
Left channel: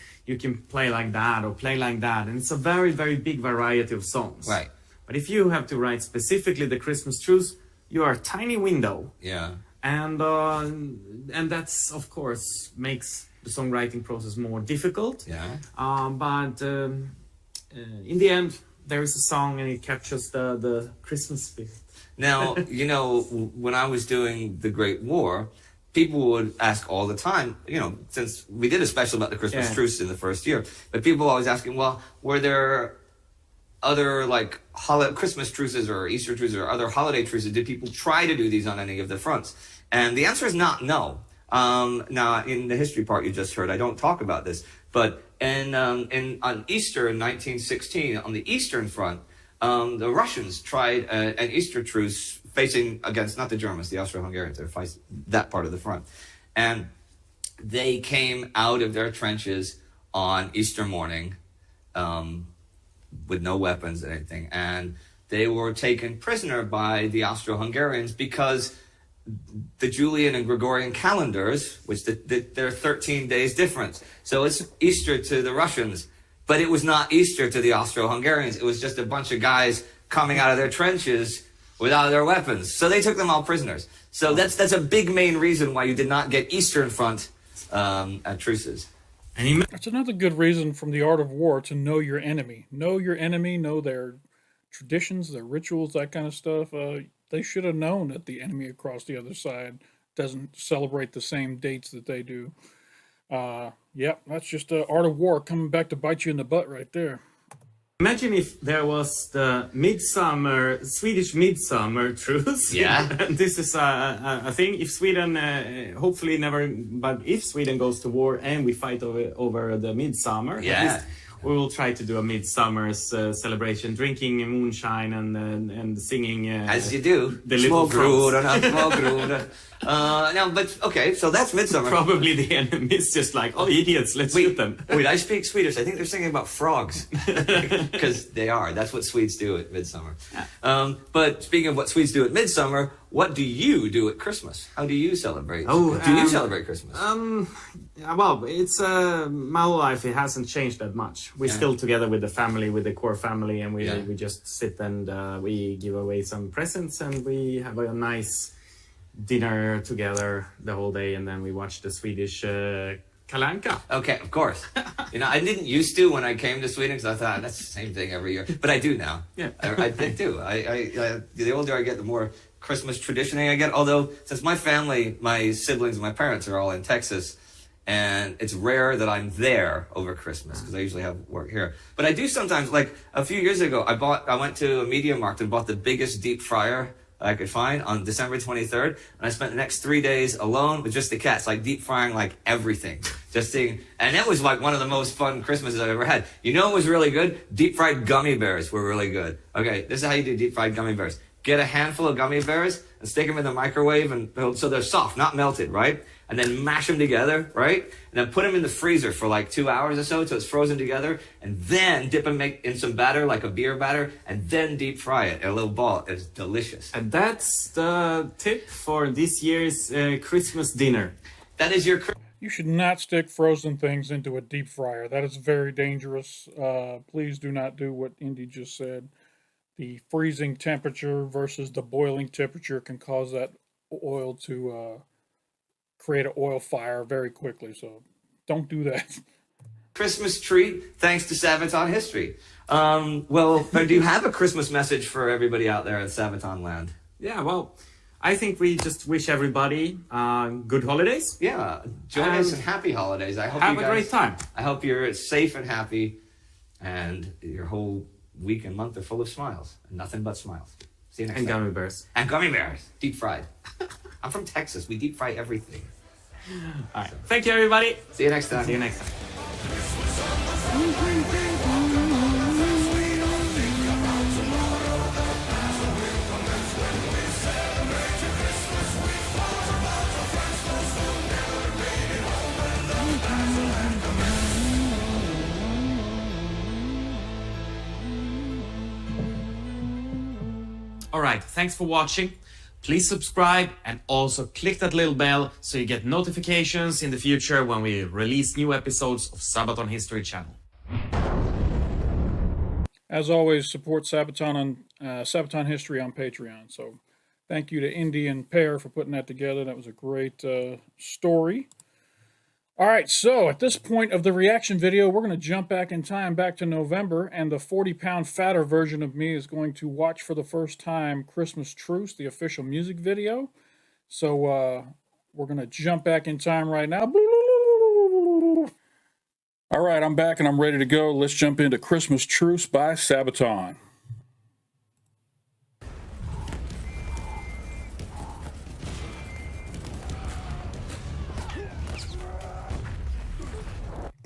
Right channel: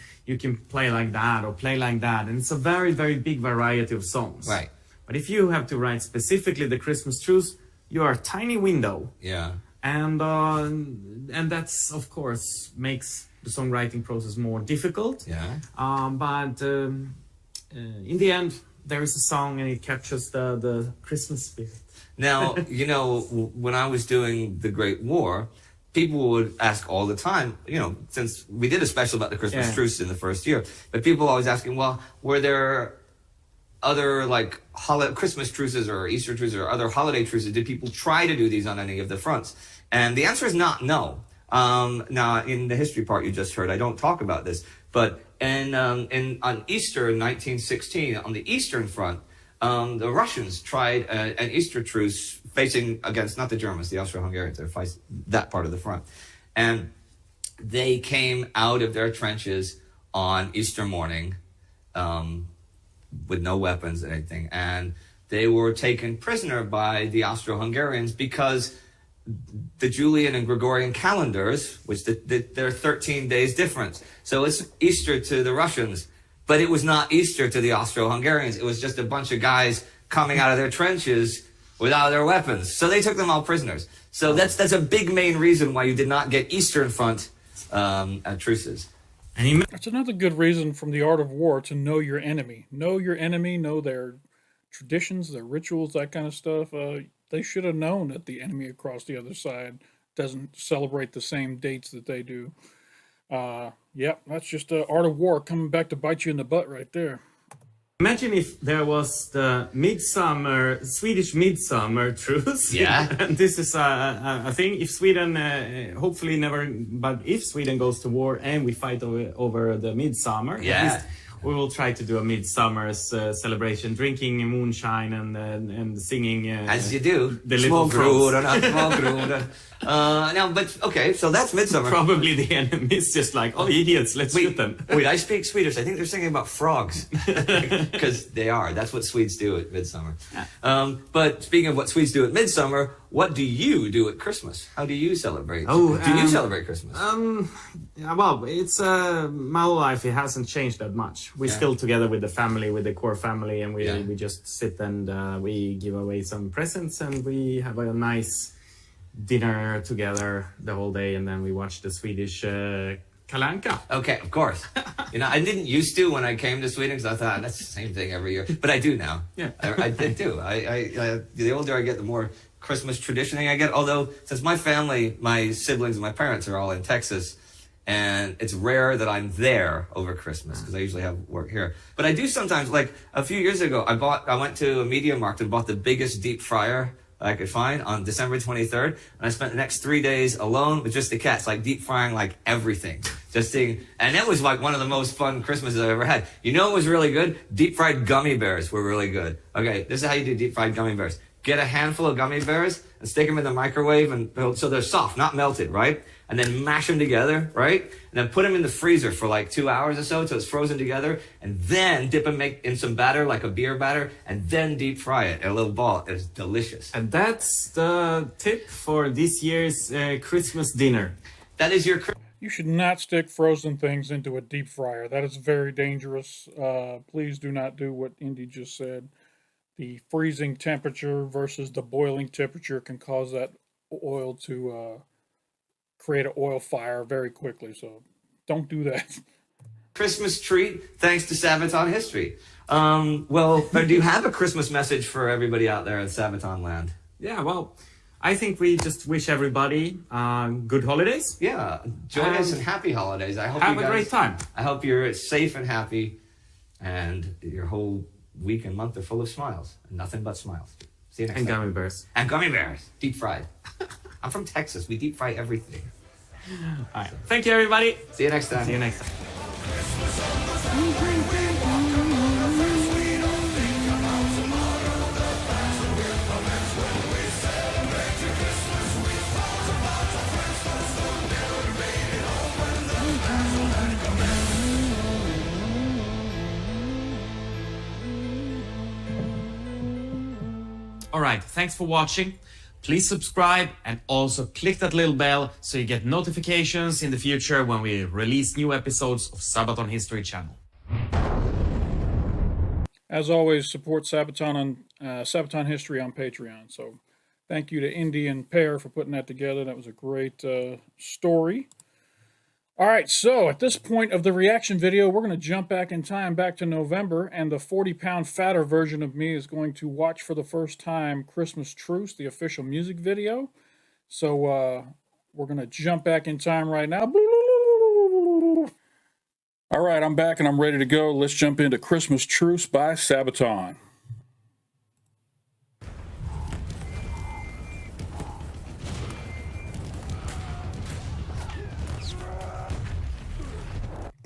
play like that or play like that, and it's a very, very big variety of songs. Right. But if you have to write specifically the Christmas Truce, you are a tiny window. Yeah. And that's, of course, makes the songwriting process more difficult. Yeah. But in the end, there is a song and it captures the Christmas spirit. Now, you know, when I was doing the Great War, people would ask all the time, you know, since we did a special about the Christmas Truce in the first year, but people always asking, well, were there other like Christmas truces or Easter truces or other holiday truces? Did people try to do these on any of the fronts? And the answer is not no. Now, in the history part you just heard, I don't talk about this, but on Easter in 1916, on the Eastern Front, the Russians tried an Easter truce facing against, not the Germans, the Austro-Hungarians, that part of the front. And they came out of their trenches on Easter morning with no weapons or anything. And they were taken prisoner by the Austro-Hungarians because the Julian and Gregorian calendars, which they're 13 days difference. So it's Easter to the Russians, but it was not Easter to the Austro-Hungarians. It was just a bunch of guys coming out of their trenches without their weapons. So they took them all prisoners. So that's a big main reason why you did not get Eastern Front truces. That's another good reason from the art of war to know your enemy. Know your enemy, know their traditions, their rituals, that kind of stuff. They should have known that the enemy across the other side doesn't celebrate the same dates that they do. Yep, that's just the art of war coming back to bite you in the butt right there. Imagine if there was the Swedish midsummer truce. Yeah. And this is a thing. If Sweden, hopefully never, but if Sweden goes to war and we fight over the midsummer, Yeah. at least we will try to do a midsummer's celebration, drinking moonshine and singing. As you do. The little Små. Now, but okay, so that's midsummer. Probably the enemy is just like, oh, idiots, let's shoot them. Wait, I speak Swedish. I think they're singing about frogs. Because they are. That's what Swedes do at midsummer. But speaking of what Swedes do at midsummer, what do you do at Christmas? How do you celebrate? Do you celebrate Christmas? Yeah, well, it's my whole life. It hasn't changed that much. We're still together with the family, with the core family, and we just sit and we give away some presents and we have a nice dinner together the whole day, and then we watch the Swedish Kalle Anka. Okay, of course. I didn't used to when I came to Sweden because I thought that's the same thing every year, but I do now. Yeah, I did too. I the older I get, the more Christmas traditioning I get. Although since my family, my siblings, and my parents are all in Texas, and it's rare that I'm there over Christmas because I usually have work here. But I do sometimes. Like a few years ago, I went to a media market and bought the biggest deep fryer I could find on December 23rd. And I spent the next 3 days alone with just the cats, like deep frying like everything. And that was like one of the most fun Christmases I've ever had. You know what was really good? Deep fried gummy bears were really good. Okay, this is how you do deep fried gummy bears. Get a handful of gummy bears and stick them in the microwave so they're soft, not melted, right? And then mash them together, right? And then put them in the freezer for like 2 hours or so it's frozen together. And then dip them in some batter, like a beer batter, and then deep fry it in a little ball. It's delicious. And that's the tip for this year's Christmas dinner. That is your... You should not stick frozen things into a deep fryer. That is very dangerous. Please do not do what Indy just said. The freezing temperature versus the boiling temperature can cause that oil to create an oil fire very quickly. So don't do that. Christmas treat thanks to Sabaton History. Well, do you have a Christmas message for everybody out there in Sabaton land? Yeah, well, I think we just wish everybody good holidays. Yeah, joyous and happy holidays. I hope have you guys, a great time. I hope you're safe and happy, and your whole week and month are full of smiles. Nothing but smiles. See you next time. And gummy bears. And gummy bears, deep fried. I'm from Texas. We deep fry everything. All right. Thank you, everybody. See you next time. See you next time. All right. Thanks for watching. Please subscribe and also click that little bell so you get notifications in the future when we release new episodes of Sabaton History channel. As always, support Sabaton on Sabaton History on Patreon. So thank you to Indy and Pear for putting that together. That was a great story. All right, so at this point of the reaction video, we're going to jump back in time, back to November, and the 40-pound fatter version of me is going to watch for the first time Christmas Truce, the official music video. So we're going to jump back in time right now. All right, I'm back and I'm ready to go. Let's jump into Christmas Truce by Sabaton.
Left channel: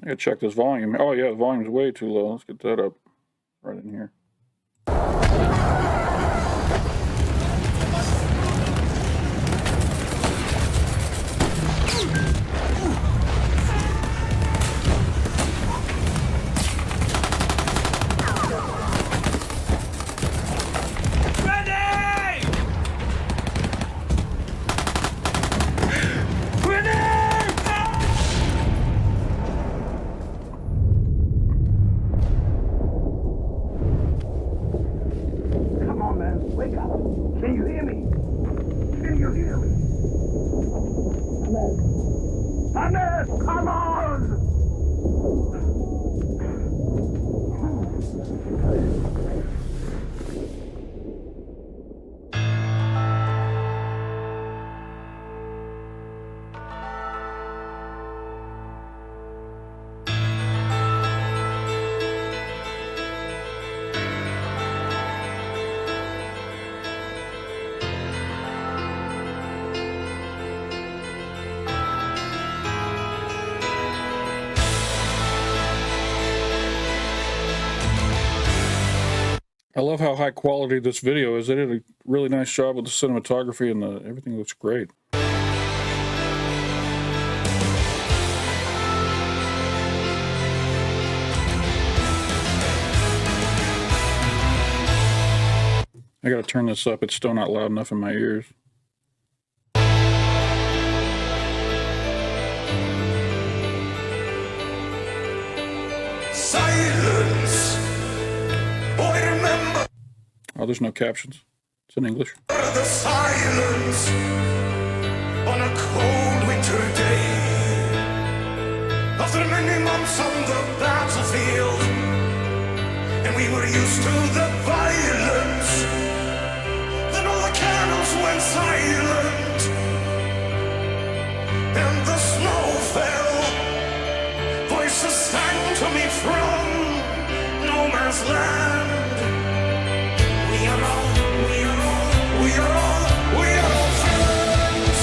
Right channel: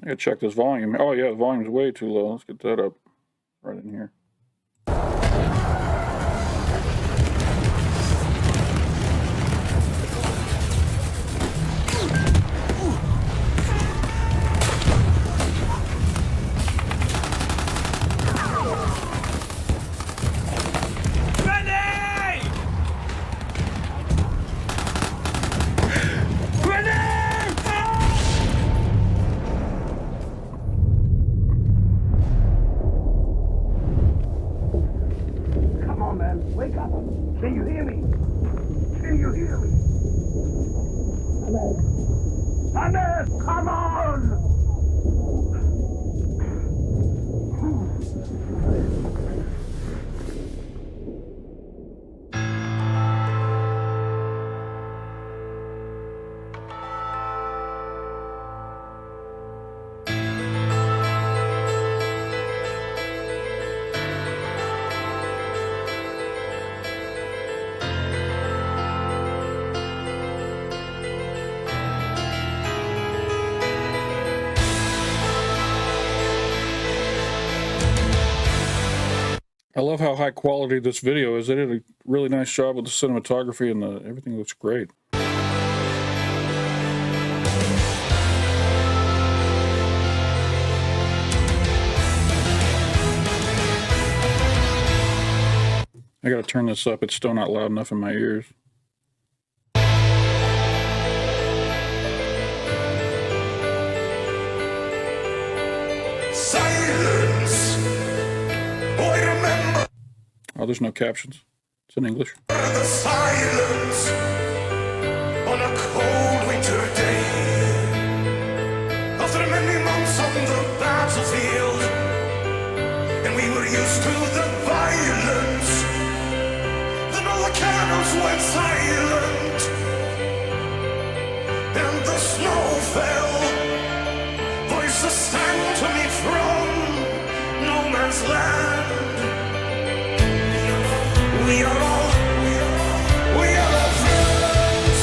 I gotta check this volume. Oh yeah, the volume's way too low. Let's get that up right in here. Wake up! Can you hear me? Can you hear me? Ahmed, come on! I love how high quality this video is. They did a really nice job with the cinematography and everything looks great. I gotta turn this up. It's still not loud enough in my ears. Silence. Boy, remember Oh, there's no captions. It's in English. the silence on a cold winter day. After many months on the battlefield, and we were used to the violence. Then all the cannons went silent, and the snow fell. Voices sang to me from no man's land. We are all, we are all, we are all, we are all friends.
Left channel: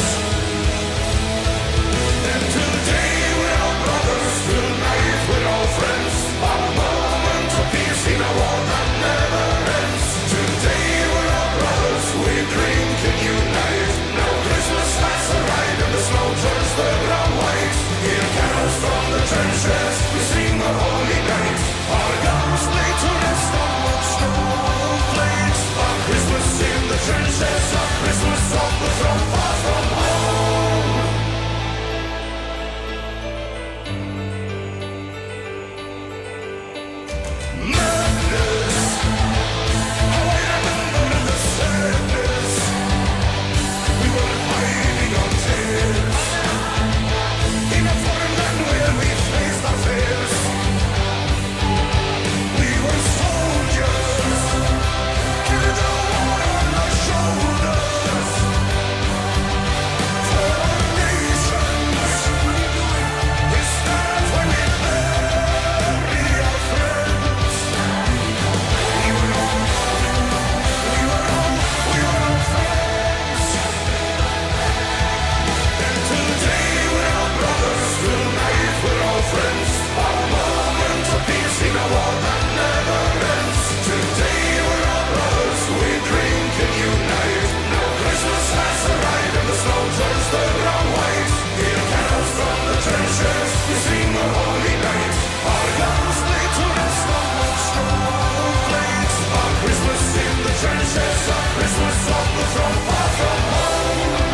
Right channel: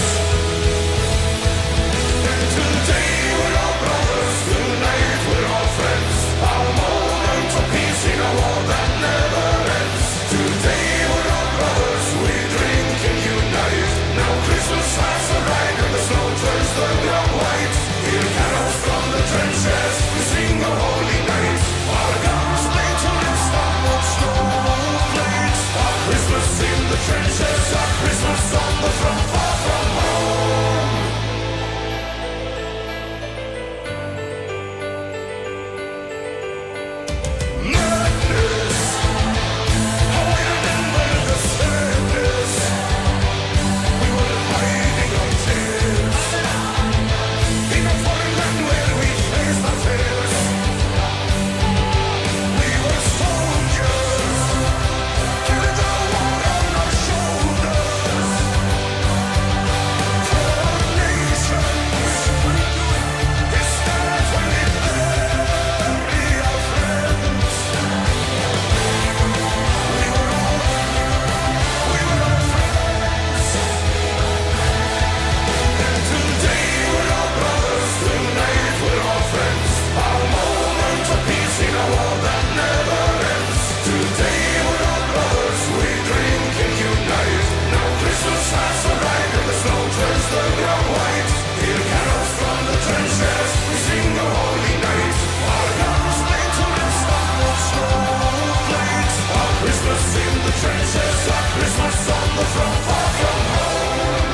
And today we're all brothers, tonight we're all friends. Our moment of peace in a war that never ends. Today we're all brothers, we drink and unite. Now Christmas has arrived and the snow turns the ground white. Hear carols from the trenches, we sing a holy night. Our guns lay to rest on what snowflakes. Our Christmas in the trenches, our Christmas on the front, far from home. Madness, how I remember the sadness. We were hiding our tears in a foreign land where we faced our fears. We were soldiers, carried the war on our shoulders. For our nations, we stand when we bury our friends. We were all friends. And today we're all brothers, tonight we're all friends. Our moment of peace in a war that never ends. Today we're all brothers, we drink and unite. Now Christmas has arrived and the snow turns the ground white. Hear carols from the trenches, we sing a holy night. Our guns lay to rest on what snowflakes. Our Christmas in the trenches, our Christmas on the front, far from home.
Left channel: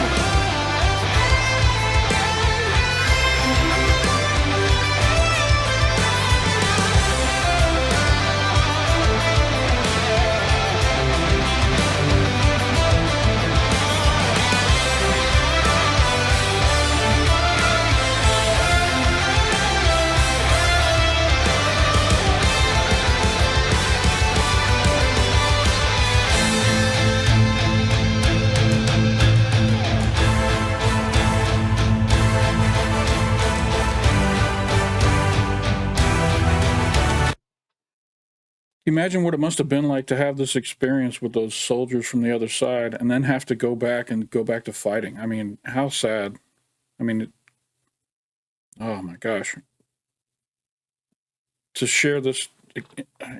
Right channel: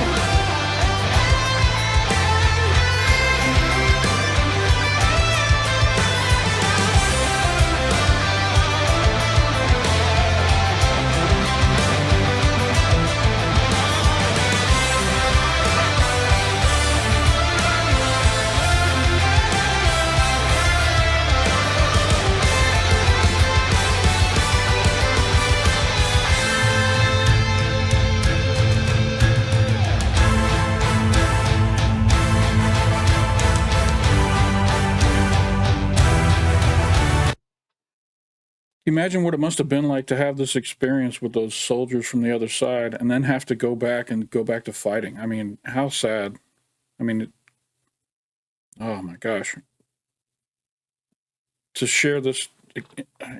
Imagine what it must have been like to have this experience with those soldiers from the other side and then have to go back to fighting. I mean, how sad. I mean, oh my gosh. To share this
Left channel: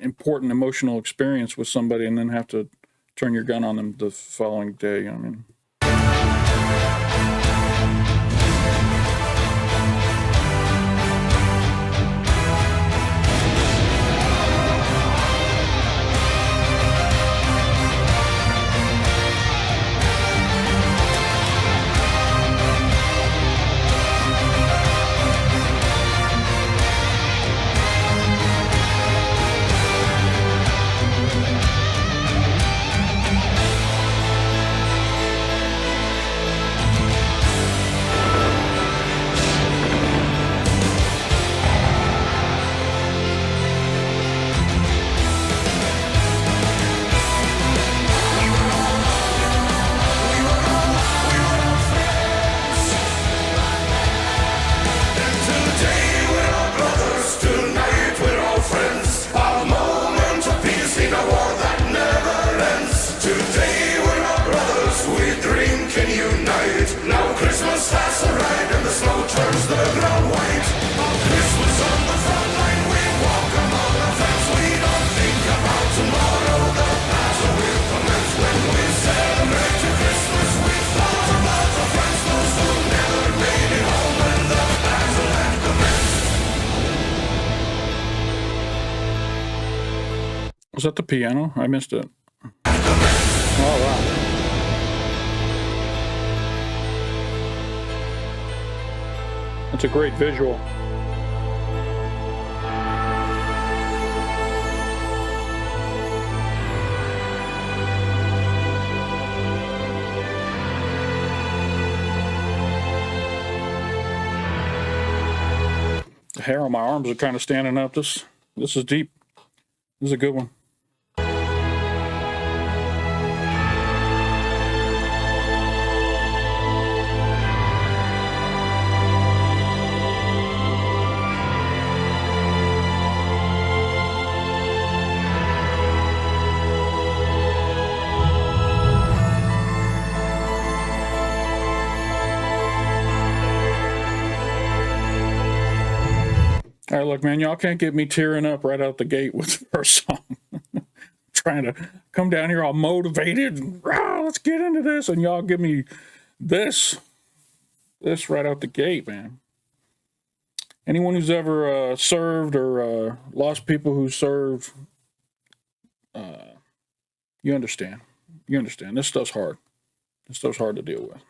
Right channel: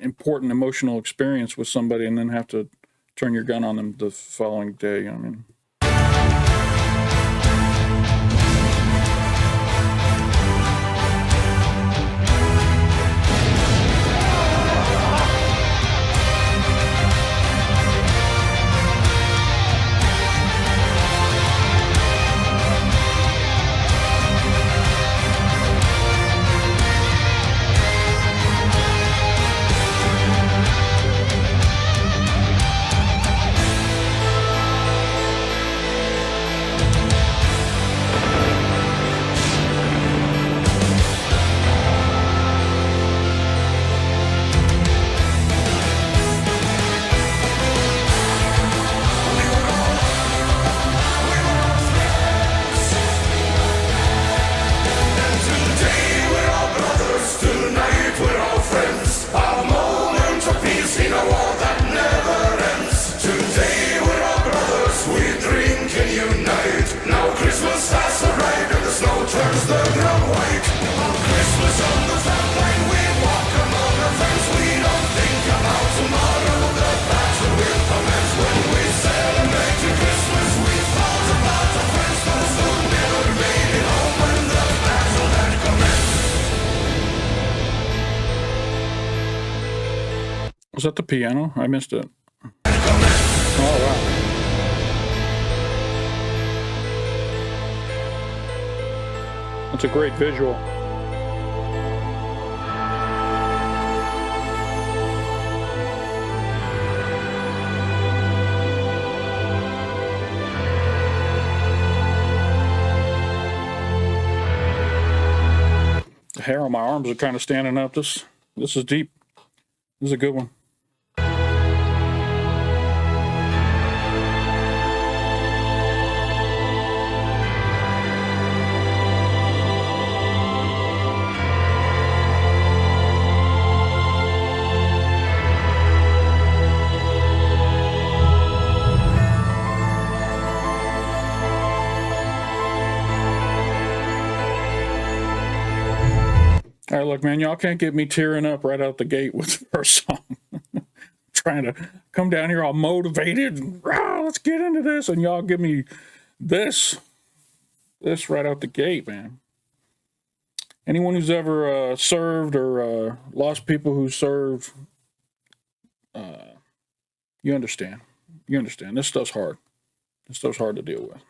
important emotional experience with somebody and then have to turn your gun on them the following day. I mean, Is that the piano? I missed it. Oh, wow. That's a great visual. The hair on my arms are kind of standing up. This is deep. This is a good one. All right, look, man, y'all can't get me tearing up right out the gate with the first song. Trying to come down here all motivated and let's get into this, and y'all give me this right out the gate, man. Anyone who's ever served or lost people who served, you understand. You understand. This stuff's hard. This stuff's hard to deal with.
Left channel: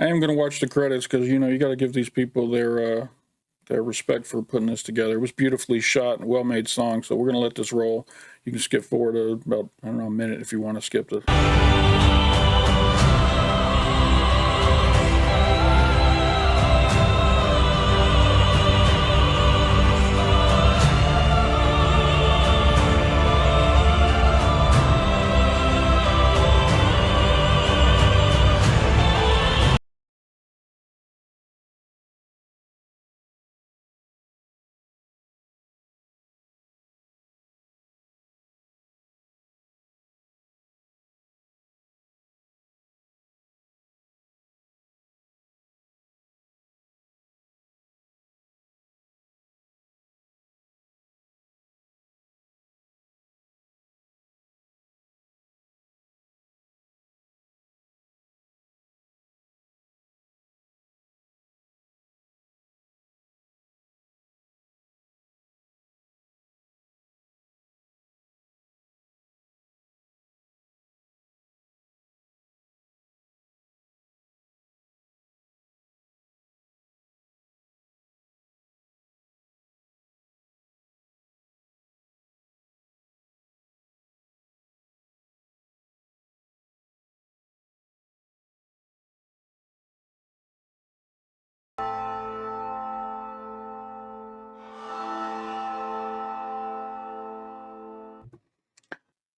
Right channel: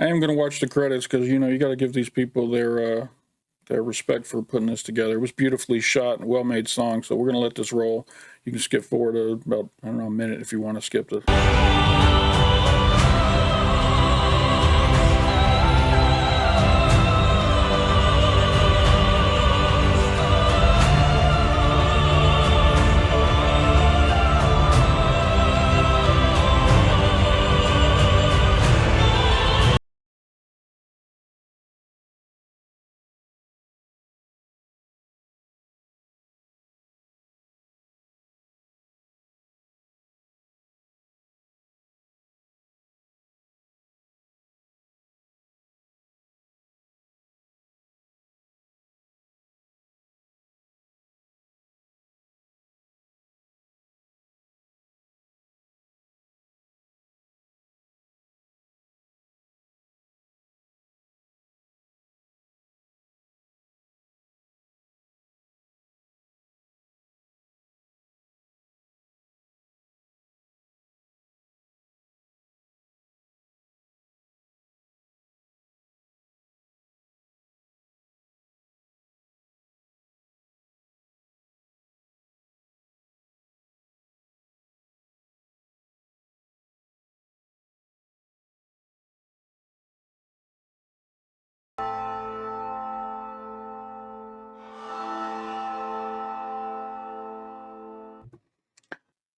I am going to watch the credits because, you know, you got to give these people their respect for putting this together. It was beautifully shot and well-made song, so we're going to let this roll. You can skip forward about, I don't know, a minute if you want to skip this.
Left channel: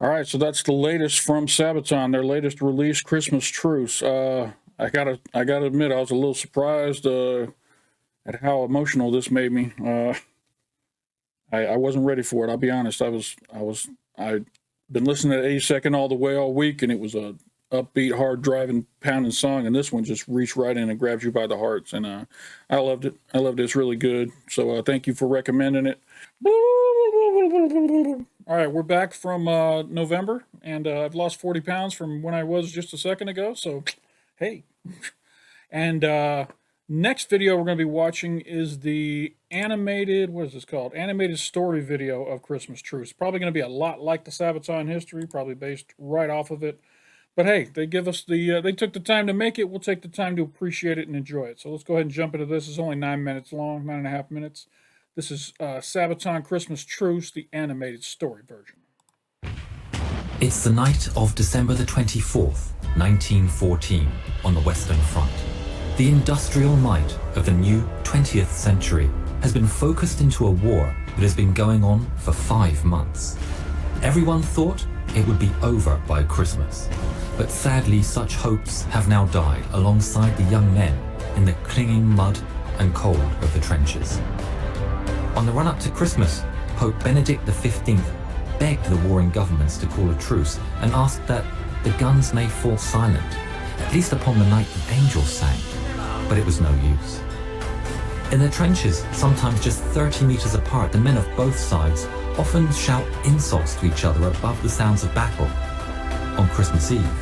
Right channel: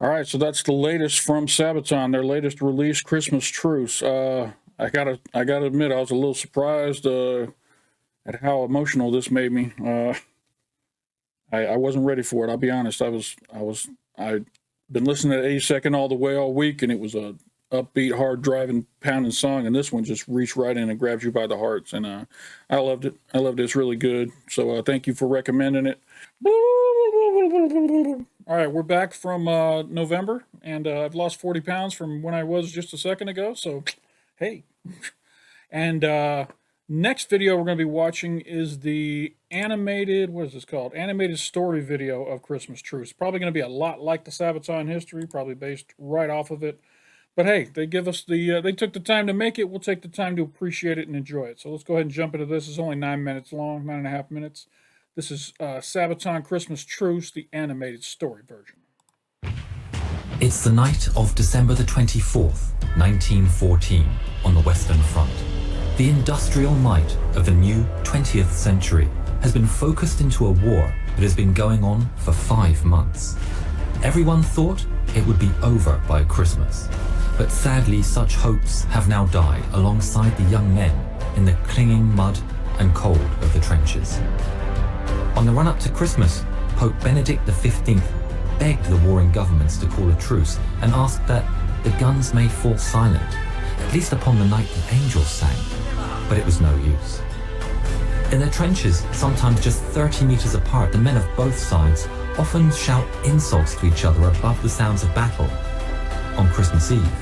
All right, so that's the latest from Sabaton, their latest release, Christmas Truce. I gotta admit, I was a little surprised at how emotional this made me. I wasn't ready for it. I'll be honest. I'd been listening to 82nd all the way all week, and it was a upbeat, hard driving, pounding song, and this one just reached right in and grabbed you by the hearts, and I loved it. I loved it. It's really good. So thank you for recommending it. All right, we're back from November, and I've lost 40 pounds from when I was just a second ago, so hey. And next video we're going to be watching is the animated, what is this called? Animated story video of Christmas Truce. Probably going to be a lot like the Sabaton History, probably based right off of it. But hey, they give us the, they took the time to make it. We'll take the time to appreciate it and enjoy it. So let's go ahead and jump into this. It's only 9 minutes long, 9.5 minutes. This is Sabaton Christmas Truce, the animated story version. It's the night of December the 24th, 1914, on the Western Front. The industrial might of the new 20th century has been focused into a war that has been going on for 5 months. Everyone thought it would be over by Christmas, but sadly such hopes have now died alongside the young men in the clinging mud and cold of the trenches. On the run-up to Christmas, Pope Benedict XV begged the warring governments to call a truce and asked that the guns may fall silent, at least upon the night the angels sang, but it was no use. In their trenches, sometimes just 30 meters apart, the men of both sides often shout insults to each other above the sounds of battle. On Christmas Eve,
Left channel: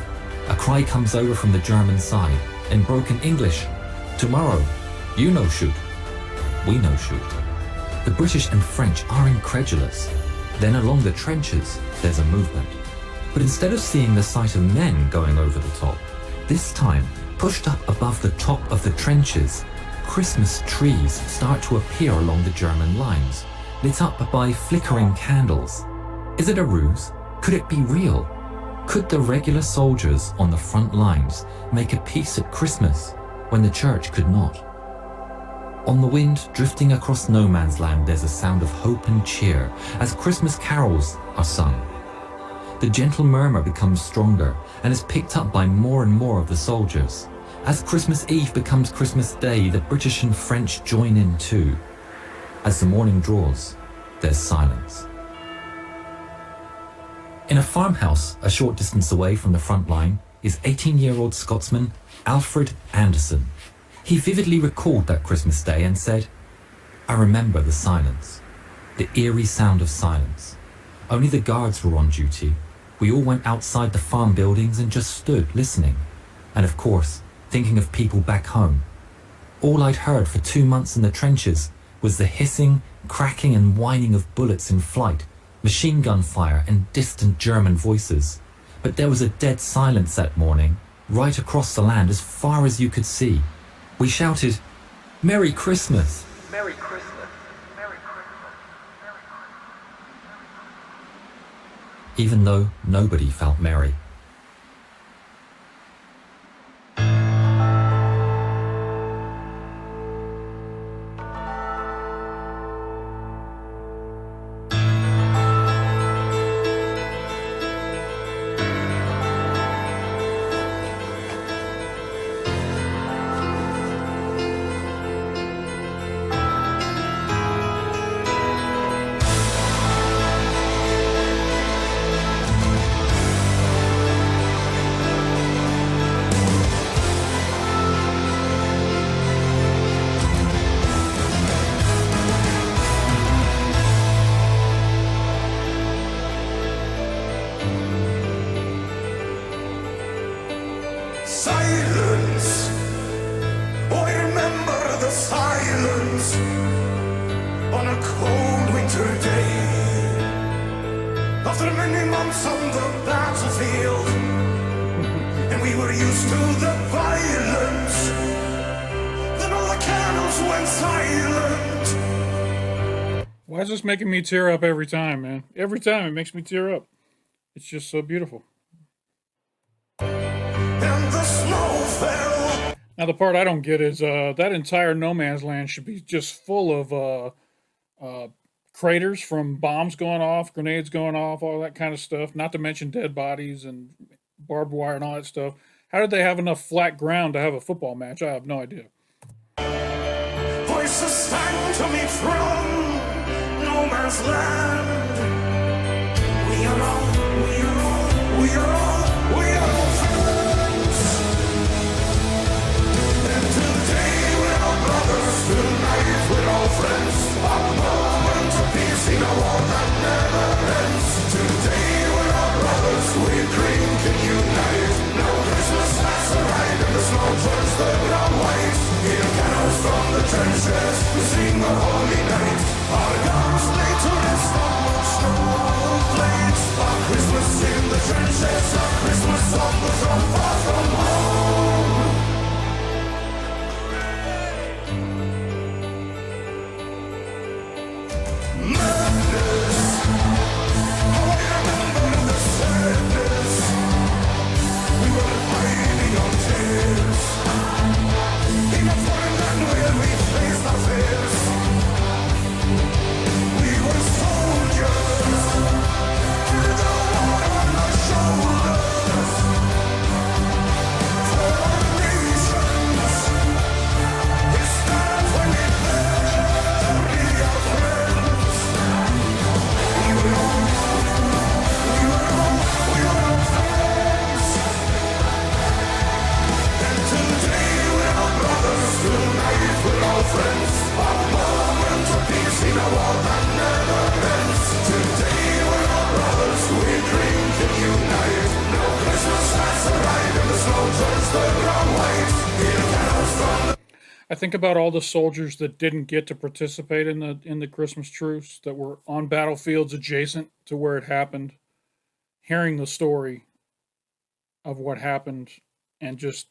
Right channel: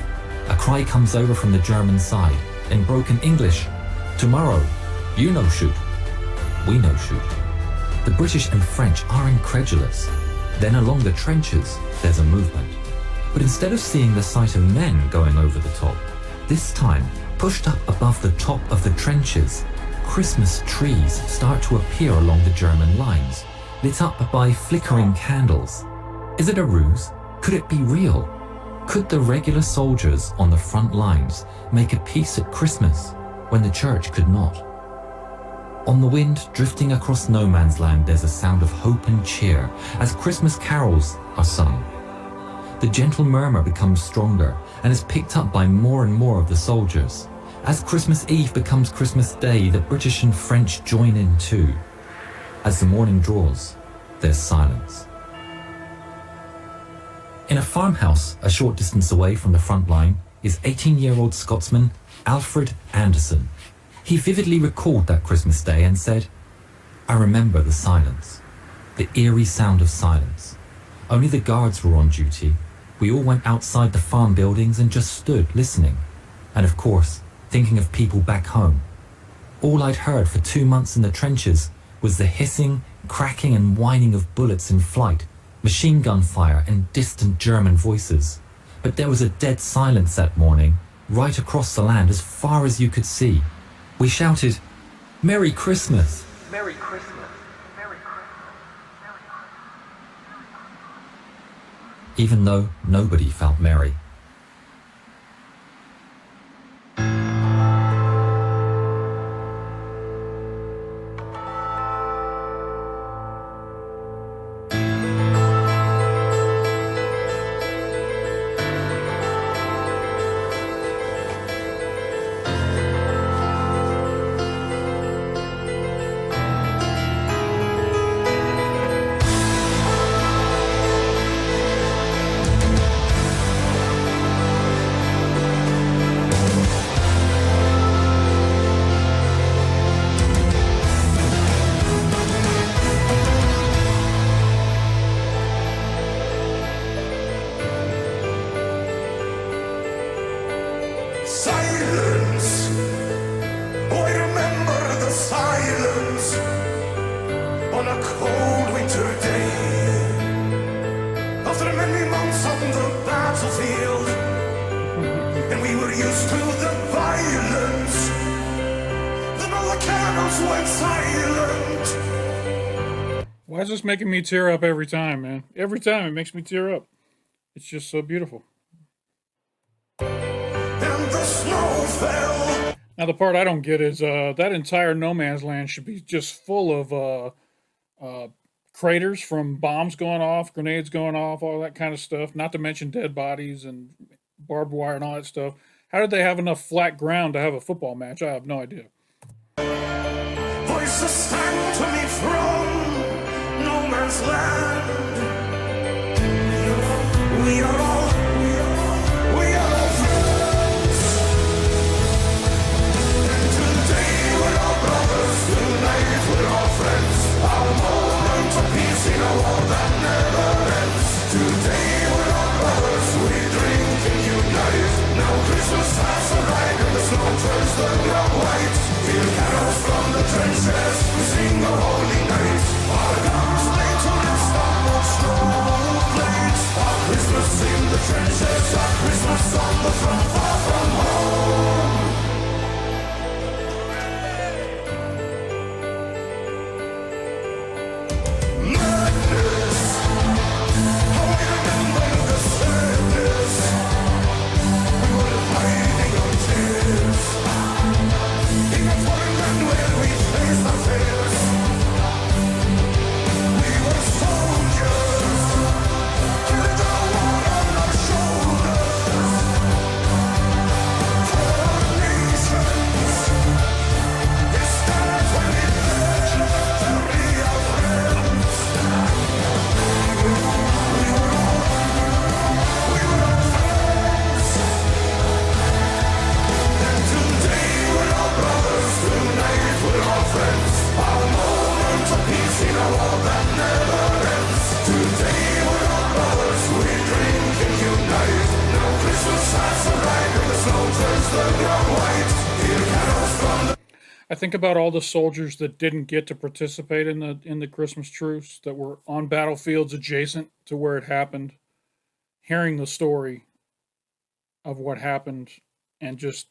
a cry comes over from the German side in broken English. Tomorrow, you know shoot. We know shoot. The British and French are incredulous. Then along the trenches, there's a movement. But instead of seeing the sight of men going over the top, this time, pushed up above the top of the trenches, Christmas trees start to appear along the German lines, lit up by flickering candles. Is it a ruse? Could it be real? Could the regular soldiers on the front lines make a peace at Christmas when the church could not? On the wind drifting across no man's land, there's a sound of hope and cheer as Christmas carols are sung. The gentle murmur becomes stronger and is picked up by more and more of the soldiers. As Christmas Eve becomes Christmas Day, the British and French join in too. As the morning draws, there's silence. In a farmhouse a short distance away from the front line is 18-year-old Scotsman Alfred Anderson. He vividly recalled that Christmas Day and said, "I remember the silence, the eerie sound of silence. Only the guards were on duty. We all went outside the farm buildings and just stood listening. And of course, thinking of people back home. All I'd heard for 2 months in the trenches was the hissing, cracking and whining of bullets in flight, machine gun fire and distant German voices. But there was a dead silence that morning, right across the land as far as you could see. We shouted, 'Merry Christmas! Merry Christmas! Merry Christmas! Merry Christmas!' Even though nobody felt merry. Silence. Oh, I remember the silence on a cold winter day. After many months on the battlefield, and we were used to the violence. Then all the cannons went silent. Why is this making me tear up every time, man? Every time it makes me tear up. It's just so beautiful. And the snow fell. Now, the part I don't get is that entire no man's land should be just full of craters from bombs going off, grenades going off, all that kind of stuff, not to mention dead bodies and barbed wire and all that stuff. How did they have enough flat ground to have a football match? I have no idea. Voices sang to me from no man's land. We are all friends. And today we're all brothers, tonight we're all friends. Our moment of peace in a war that never ends. Today we're all brothers, we drink and unite. Now Christmas has arrived and the snow turns the ground white. Hear carols from the trenches, we sing a holy night. Our guns lay to rest on more snow plates. Our Christmas in the trenches, our Christmas on the throne far from home. Madness, how I remember the sadness. We were hiding on tears. In a foreign land where we faced our fears. We were soldiers, with the war on our shoulders. For our nations, it's that when we bury our friends. We were all friends. And today we're all brothers, tonight we're all friends. Our moment of peace in a war that never ends. Today I think about all the soldiers that didn't get to participate in the Christmas truce, that were on battlefields adjacent to where it happened, hearing the story of what happened, and just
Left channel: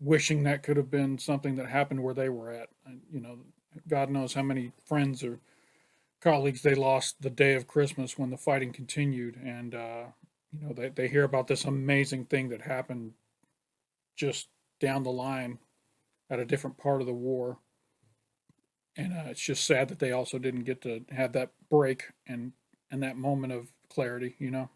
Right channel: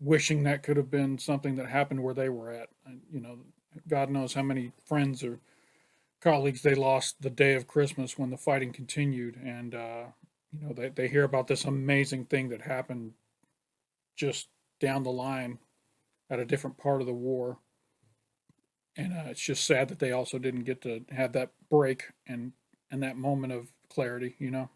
wishing that could have been something that happened where they were at. You know, God knows how many friends or colleagues they lost the day of Christmas when the fighting continued, and you know, they hear about this amazing thing that happened just down the line at a different part of the war, and it's just sad that they also didn't get to have that break and that moment of clarity, you know.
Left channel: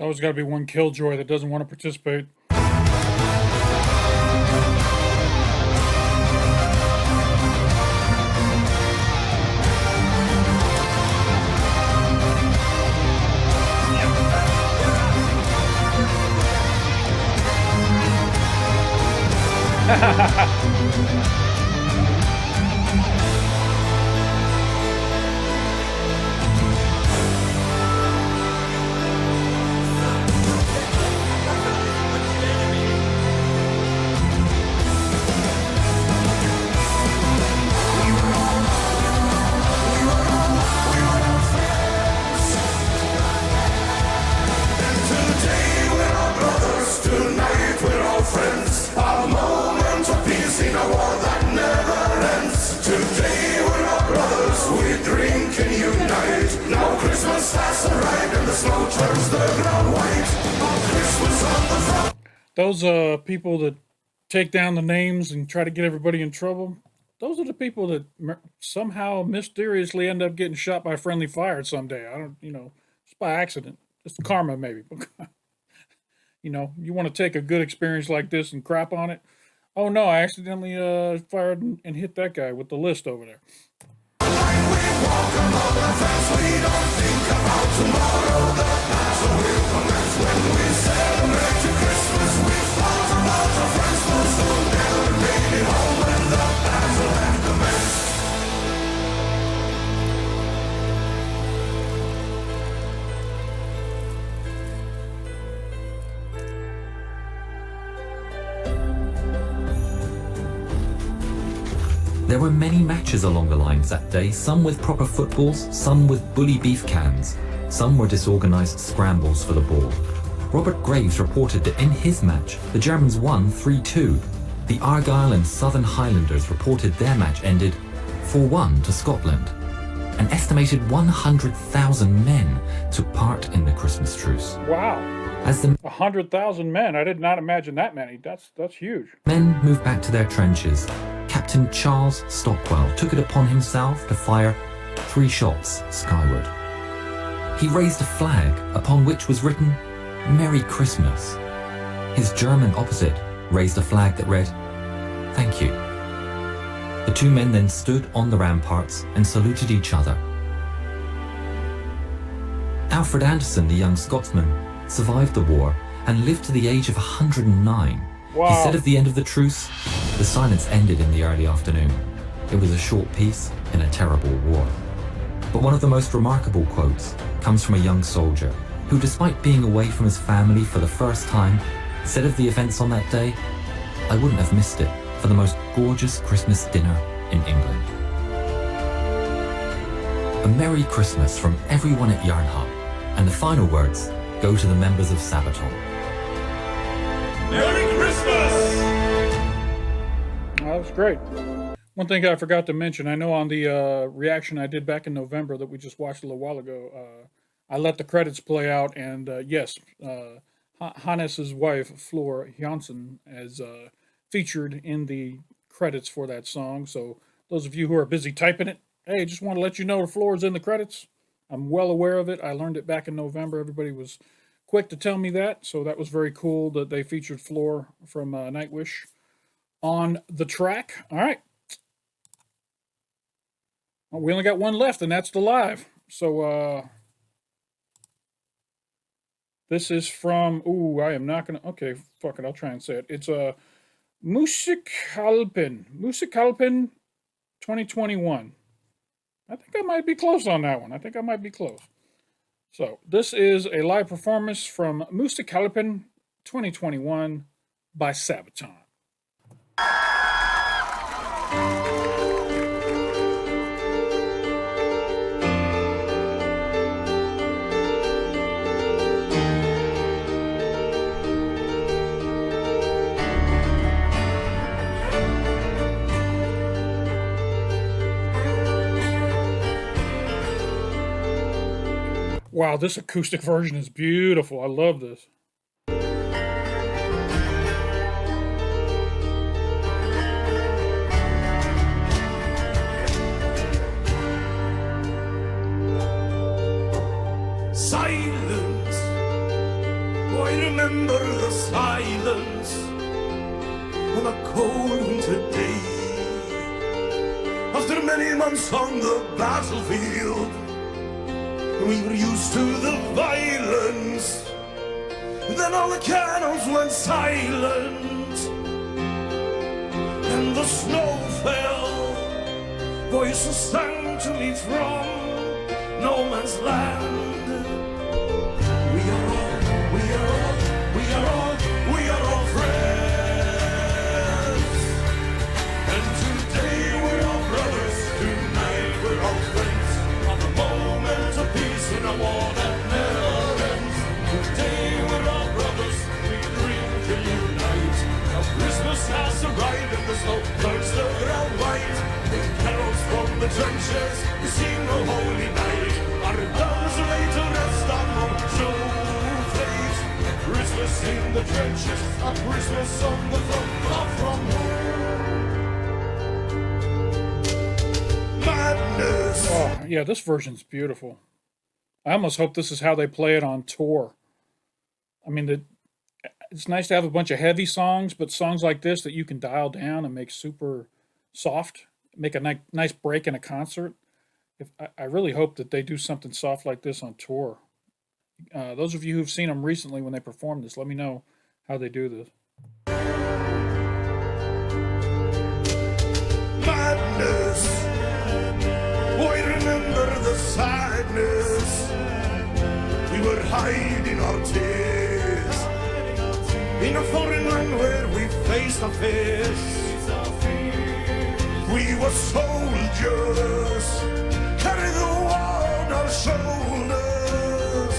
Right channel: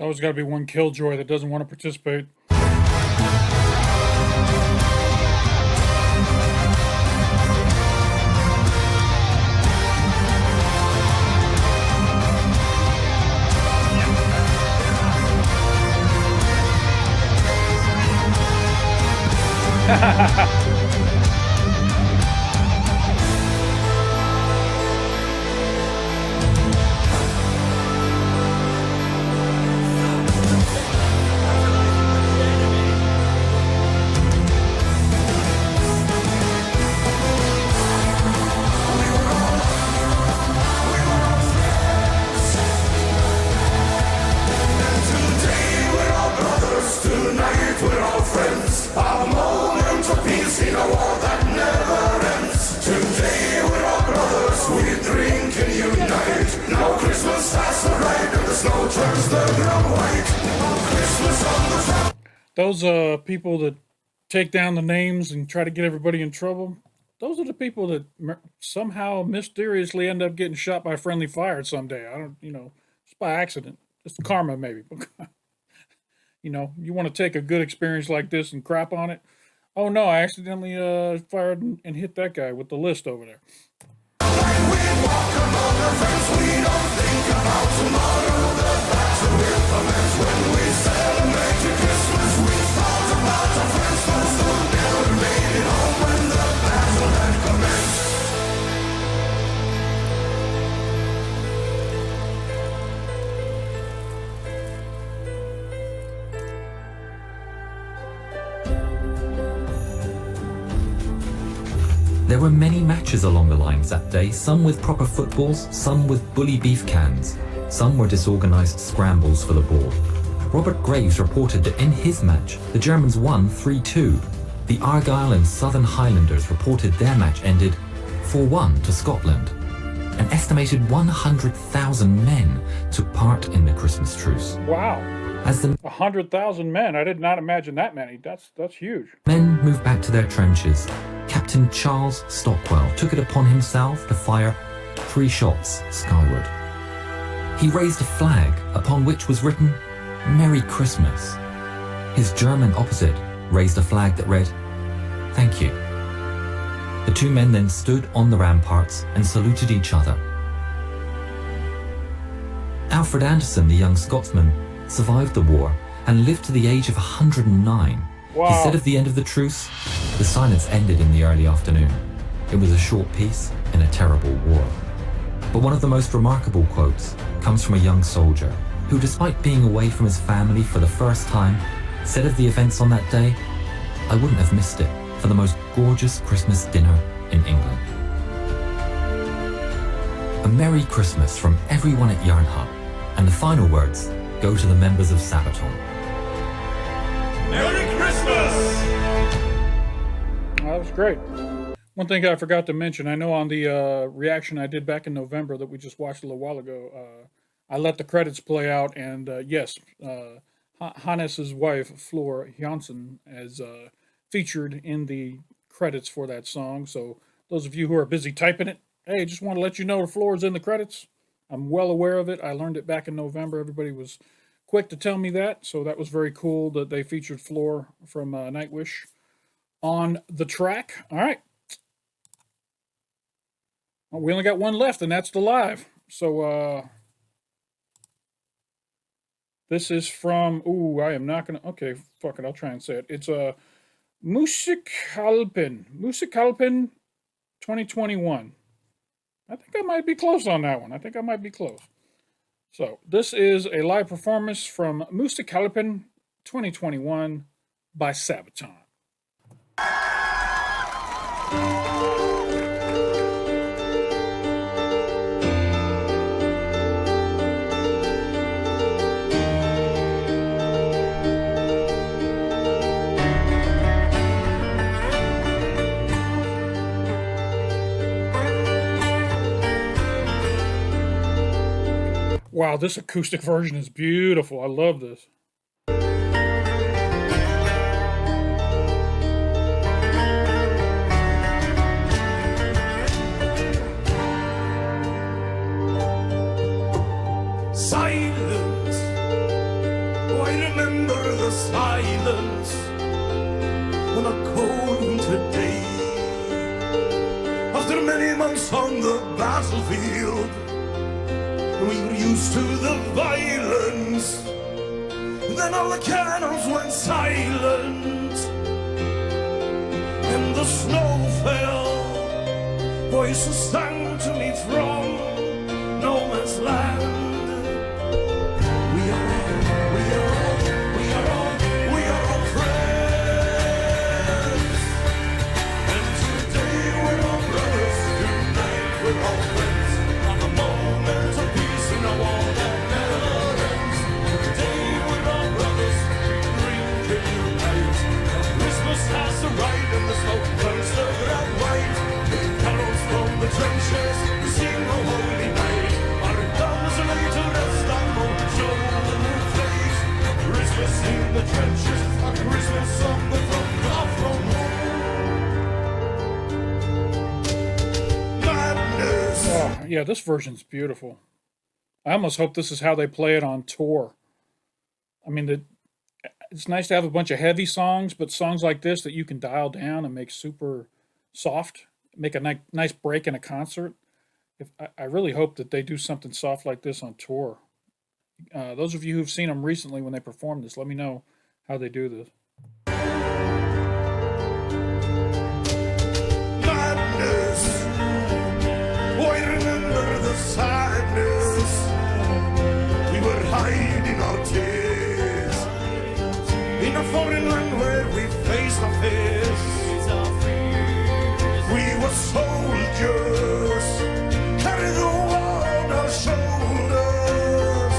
Always got to be one killjoy that doesn't want to participate. Those people that take down the names and try to get everybody in trouble, those are the people that somehow mysteriously end up getting shot by friendly fire someday. I don't, you know, just by accident. Just karma, maybe. You know, you want to take a good experience like this and crap on it. Oh no, I accidentally fired and hit that guy with the list over there. There were many matches along the lines that day, some with proper footballs, some with bully beef cans, some were disorganized scrambles for the ball. Robert Graves reported that in his match, the Germans won 3-2. The Argyll and Southern Highlanders reported their match ended 4-1 to Scotland. An estimated 100,000 men took part in the Christmas truce. Wow. As the 100,000 men. I did not imagine that many. That's huge. men moved back to their trenches, Captain Charles Stockwell took it upon himself to fire 3 shots skyward. He raised a flag upon which was written, "Merry Christmas." His German opposite raised a flag that read, "Thank you." The 2 men then stood on the ramparts and saluted each other. Alfred Anderson, the young Scotsman, survived the war and lived to the age of 109. Wow. He said at the end of the truce, the silence ended in the early afternoon. It was a short peace in a terrible war. But one of the most remarkable quotes comes from a young soldier who, despite being away from his family for the first time, said of the events on that day, "I wouldn't have missed it for the most gorgeous Christmas dinner in England." A Merry Christmas from everyone at Yarn Hub, and the final words go to the members of Sabaton. Merry Christmas! That was great. One thing I forgot to mention, I know on the reaction I did back in November that we just watched a little while ago, I let the credits play out, and yes, Hannes's wife, Floor Janssen, is featured in the credits for that song. So those of you who are busy typing it, hey, just want to let you know Floor's in the credits. I'm well aware of it. I learned it back in November. Everybody was quick to tell me that, so that was very cool that they featured Floor from Nightwish on the track. All right. Well, we only got one left, and that's the live. So this is from. Ooh, I am not gonna. Okay, fuck it. I'll try and say it. It's a Musikalpen 2021. I think I might be close on that one. I think I might be close. So this is a live performance from Musikalpen 2021 by Sabaton. Wow, this acoustic version is beautiful. I love this. Silence. Oh, I remember the silence on a cold winter day. After many months on the battlefield, we were used to the violence. Then all the cannons went silent, and the snow fell. Voices sang to me from no man's land. We are all friends. And today we're all brothers, tonight we're all friends. On the moment of peace in a war that never ends. Today we're all brothers, we drink and unite. Now Christmas has arrived and the snow turns to red white. With carols from the trenches, we sing a holy night. Our guns are laid to rest on the snowflakes. Christmas in the trenches, a Christmas on the front, far from home. Madness. Oh, yeah, this version's beautiful. I almost hope this is how they play it on tour. I mean, it's nice to have a bunch of heavy songs, but songs like this that you can dial down and make super soft, make a nice break in a concert. I really hope that they do something soft like this on tour. Those of you who've seen them recently when they perform this, let me know how they do this. Madness. Oh, I remember the sadness. We were hiding our tears in a foreign land where we faced our fears. We were soldiers, carry the world on our shoulders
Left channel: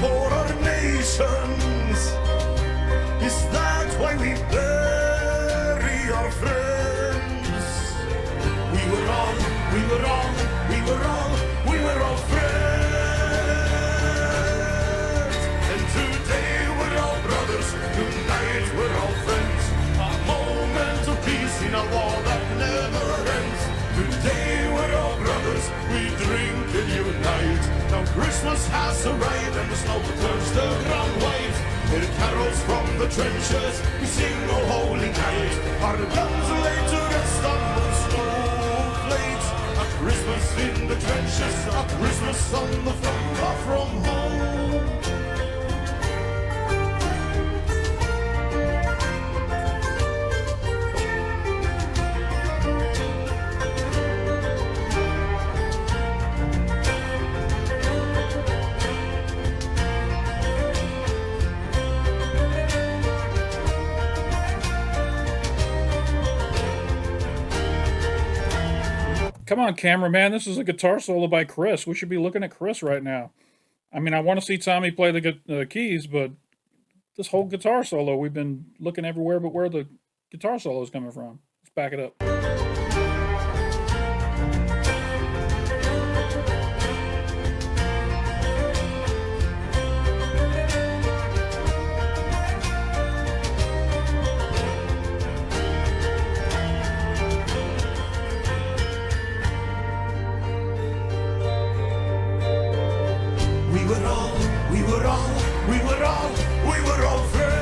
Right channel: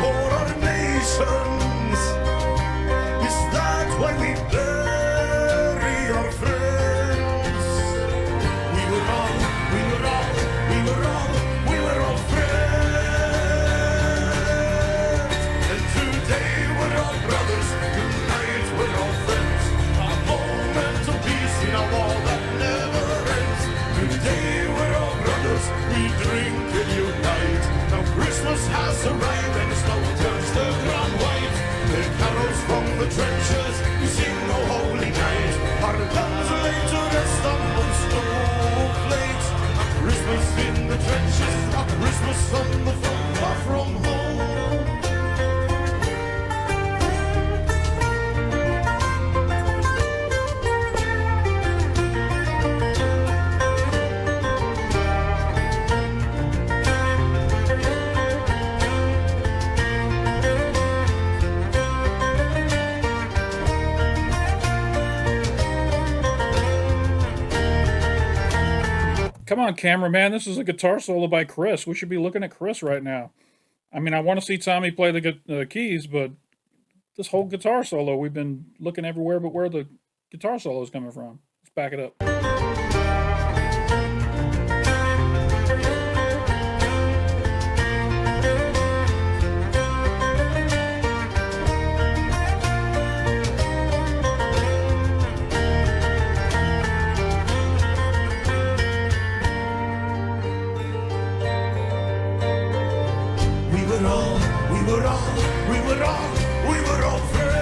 for our nations. Is that why we bury our friends? We were all friends. And today we're all brothers, tonight we're all friends. A moment of peace in a war that never ends. Today we're all brothers, we drink and unite. Now Christmas has arrived and the snow turns the ground white. There carols from the trenches, we sing a holy night. Our guns are laid to rest on those snowflakes. A Christmas in the trenches, a Christmas on the front, far from home. Come on, cameraman. This is a guitar solo by Chris. We should be looking at Chris right now. I mean, I want to see Tommy play the keys, but this whole guitar solo, we've been looking everywhere but where the guitar solo is coming from. Let's back it up. We were all friends.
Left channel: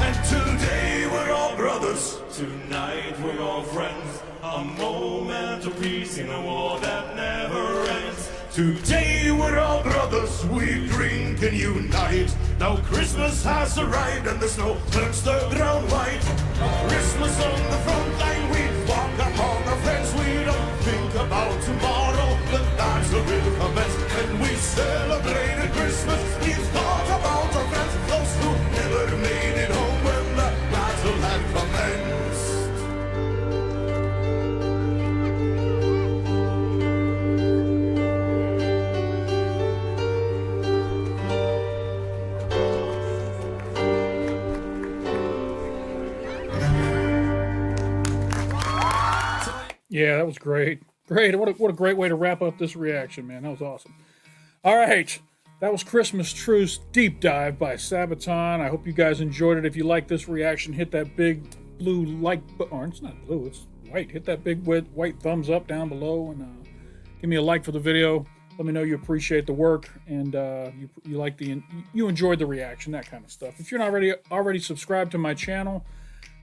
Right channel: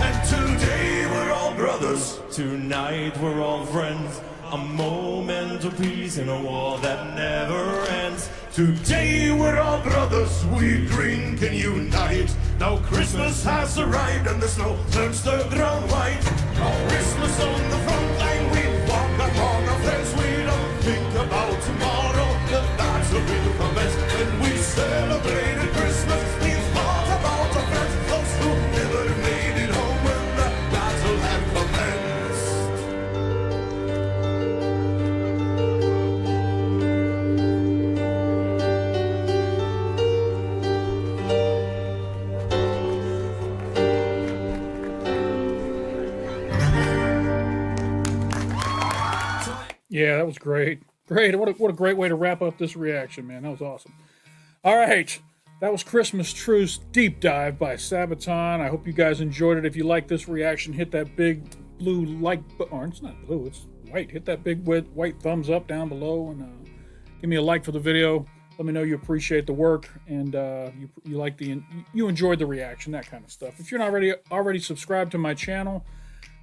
And today we're all brothers. Tonight we're all friends. A moment of peace in a war that never ends. Today we're all brothers. We drink and unite. Now Christmas has arrived and the snow turns the ground white. Christmas on the front line. We walk among our friends. We don't think about tomorrow. The battle will commence. And we celebrated Christmas. We thought about our friends. Those who never made it home when the battle had commenced. Yeah, that was great. Great. What a great way to wrap up this reaction, man. That was awesome. All right. That was Christmas Truce Deep Dive by Sabaton. I hope you guys enjoyed it. If you like this reaction, hit that big blue like button. Or it's not blue, it's white. Hit that big white thumbs up down below and give me a like for the video. Let me know you appreciate the work and you enjoyed the reaction, that kind of stuff. If you're not already subscribed to my channel,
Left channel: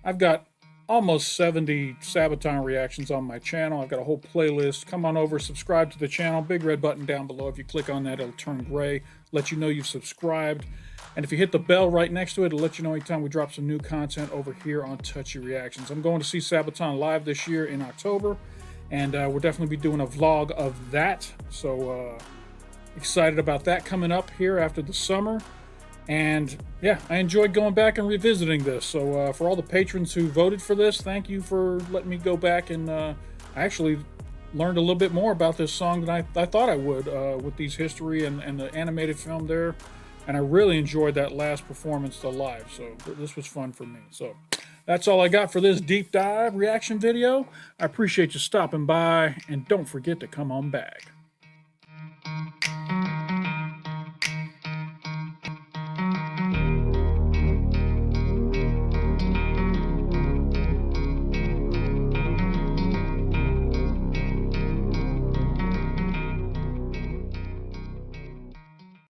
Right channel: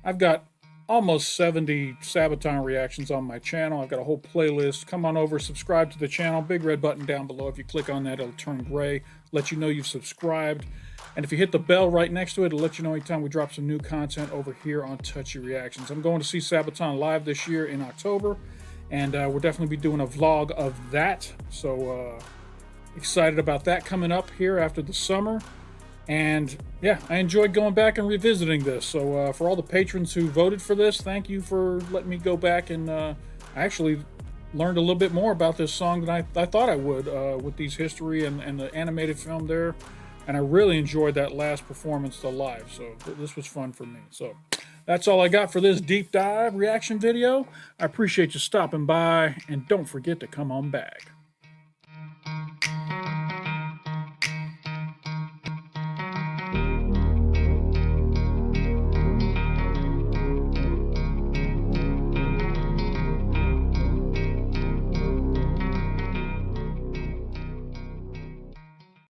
I've got almost 70 Sabaton reactions on my channel. I've got a whole playlist. Come on over, subscribe to the channel. Big red button down below. If you click on that, it'll turn gray, let you know you've subscribed. And if you hit the bell right next to it, it'll let you know anytime we drop some new content over here on Touchy Reactions. I'm going to see Sabaton live this year in October, and we'll definitely be doing a vlog of that. So excited about that coming up here after the summer. And yeah, I enjoyed going back and revisiting this. So for all the patrons who voted for this, thank you for letting me go back and I actually learned a little bit more about this song than I thought I would with these history and the animated film there. And I really enjoyed that last performance live. So this was fun for me. So that's all I got for this deep dive reaction video. I appreciate you stopping by, and don't forget to come on back.